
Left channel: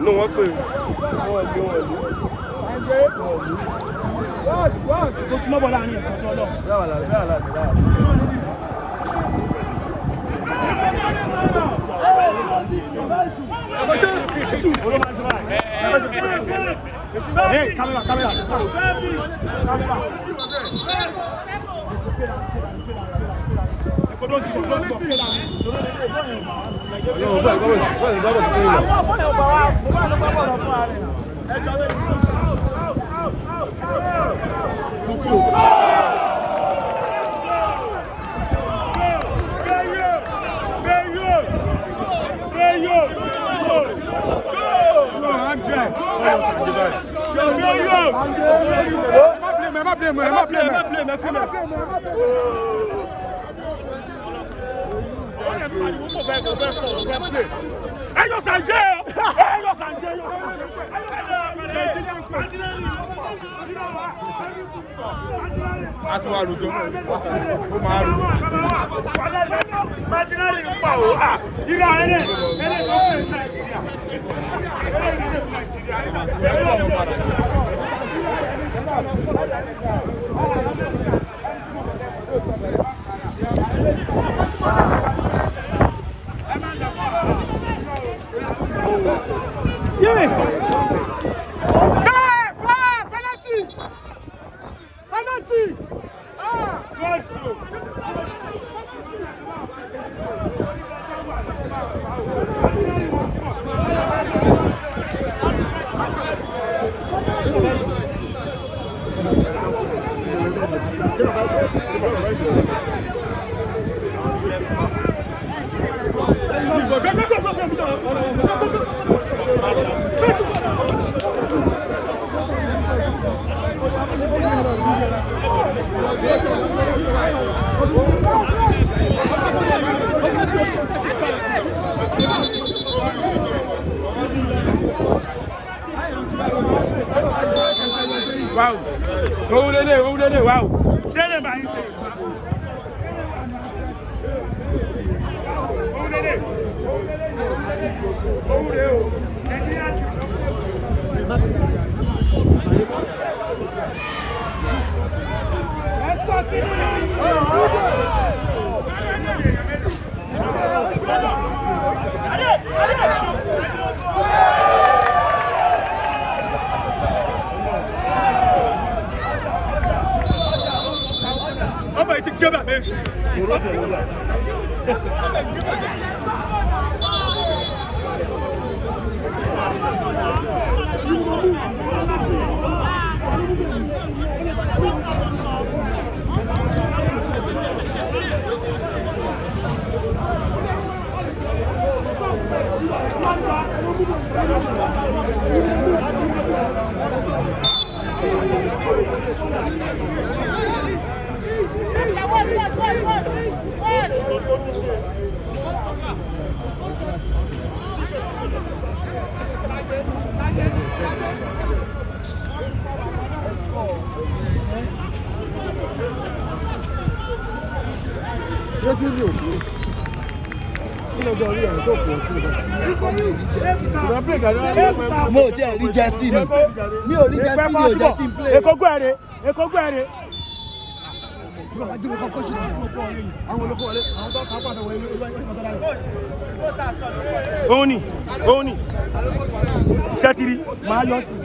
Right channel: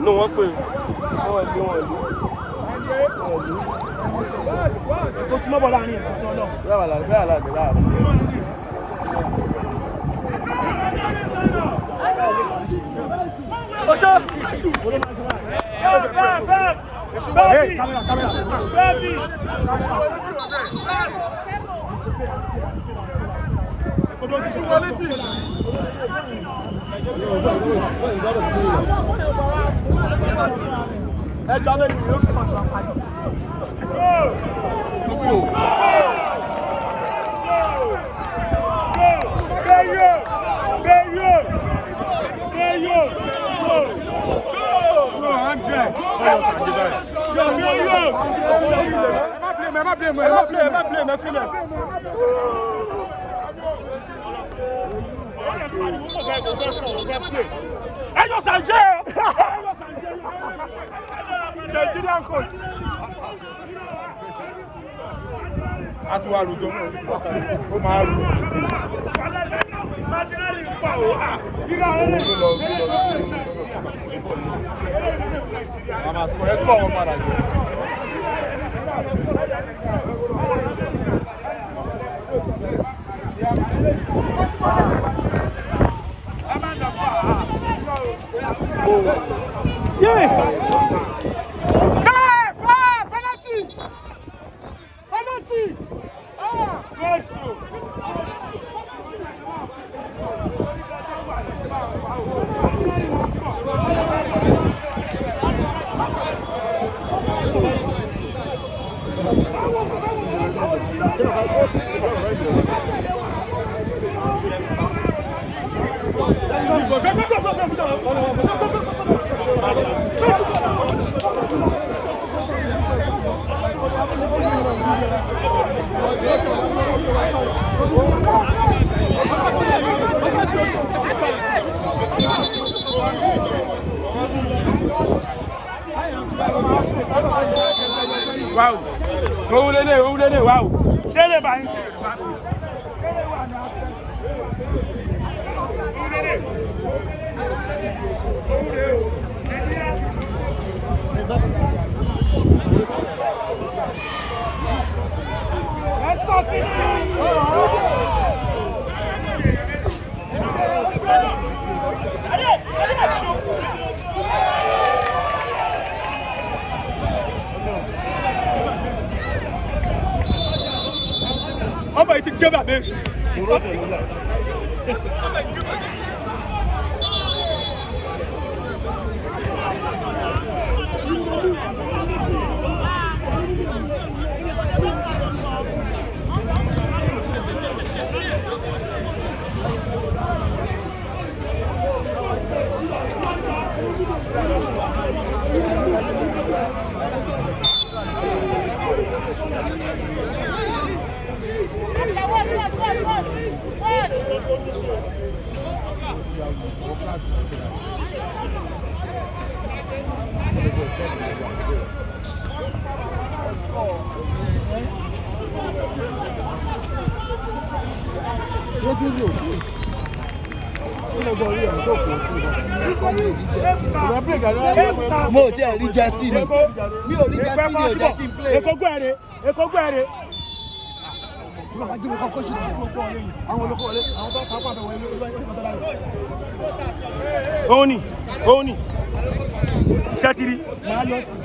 No one play. Hey, camera. Wow. Wow. Mo ti rí jẹ́sí ni. Mi ò rí jẹ́sí ni ò jẹ́ kí n play. Èkó gbẹ̀rẹ̀, Èkó gbẹ̀rẹ̀. Òun ni, ṣẹ́tìrì, máa yọ sí.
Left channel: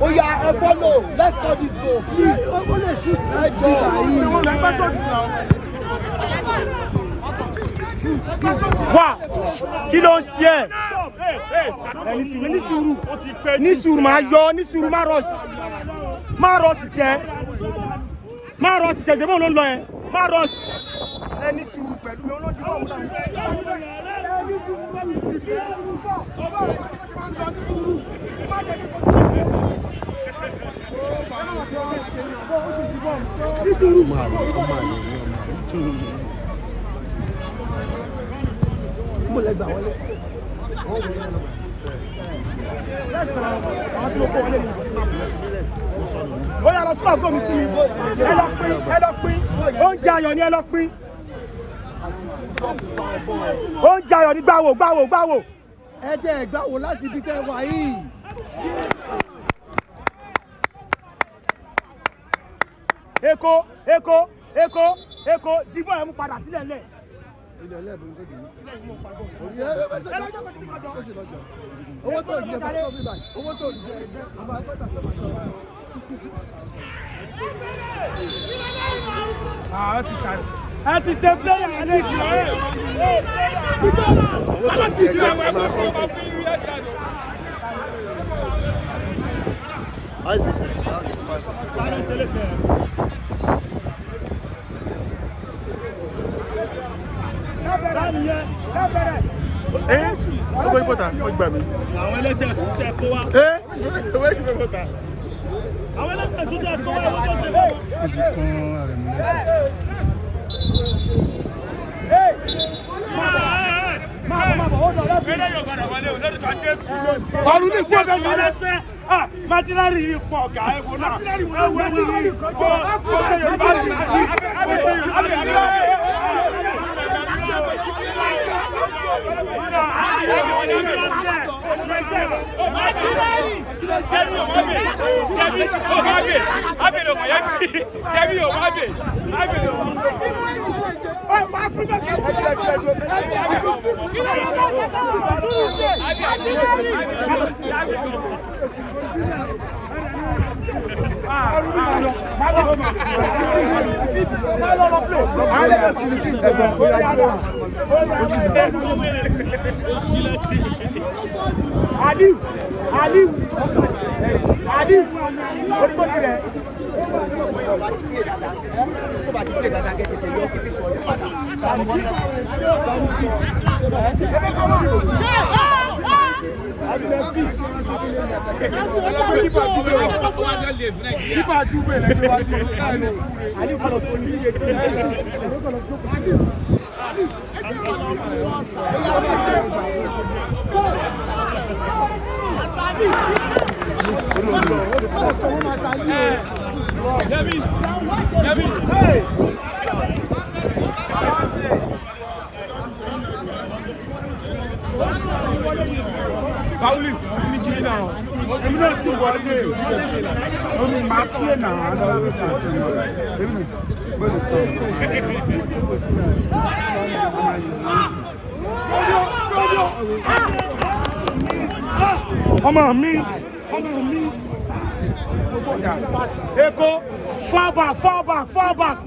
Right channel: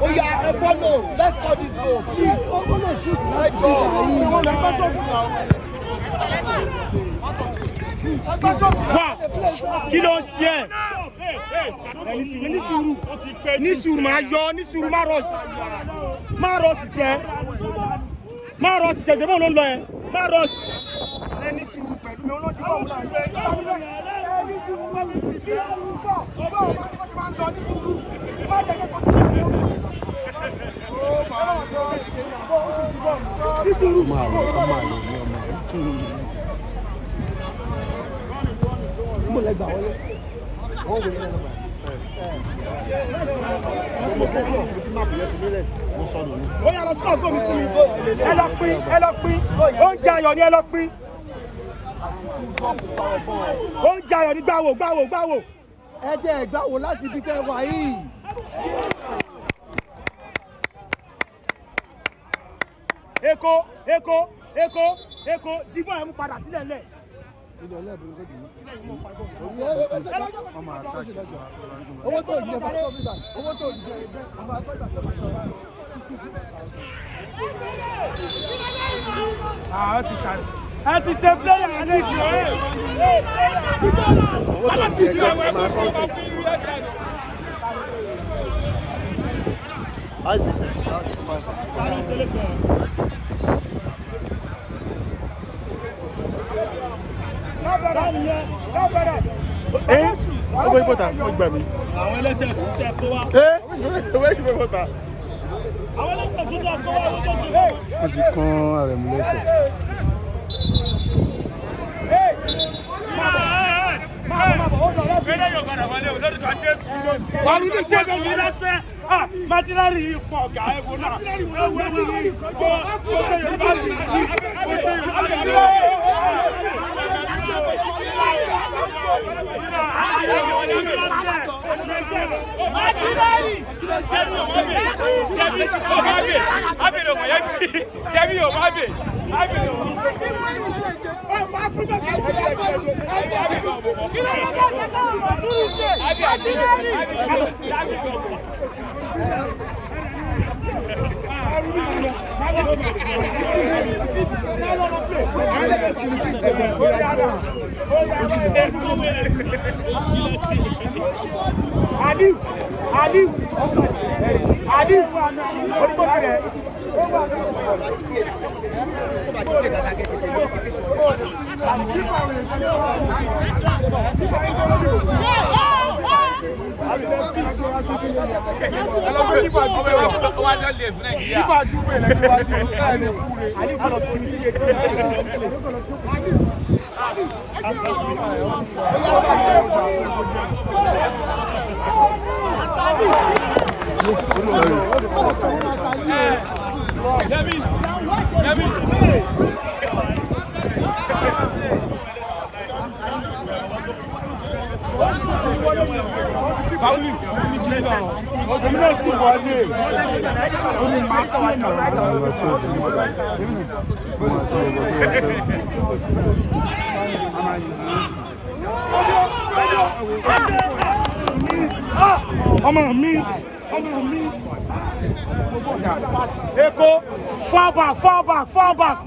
Oh yeah, follow. Let's call this goal, please. Wá, kí ló ń ṣe ẹ́? Ní sùúrù máa yọ, ní sùúrù máa rọ̀ sí. Máa rọ̀ sí sẹ́. Máa rọ̀ sí sẹ́, ṣe bó ló ń lọ ẹ? Máa rọ̀ sí. Ní sùúrù pẹ̀lú mi olójú ọ̀hún. Ó yá lọ sí àgọ́ mi sí mi. Ẹ lọ pín. Oúnjẹ ayọ̀ ni ẹ lọ pín. Oúnjẹ ayọ̀ ni gbáwò. Ẹ jẹ́ ẹ̀gbáwo láti ibi tẹ́ wà yìí. Èkó, dìbò ẹ̀ mú padà sílẹ̀ lẹ̀. Ẹ ti tẹ pílẹ̀yà àlejò ẹ̀. Àwọn ẹlẹ́sẹ̀ tẹ̀ kó wa. Àwọn ẹlẹ́sẹ̀ tún tẹ̀ kó wa. Ó ti kán ààrẹ mú lẹ́sẹ̀. Ọdún ní kí ẹgbẹ́ yìí lẹ́sẹ̀. Májínárì yìí pọ̀ ọ̀gá ẹ̀wọ̀n náà. Eko, fall back.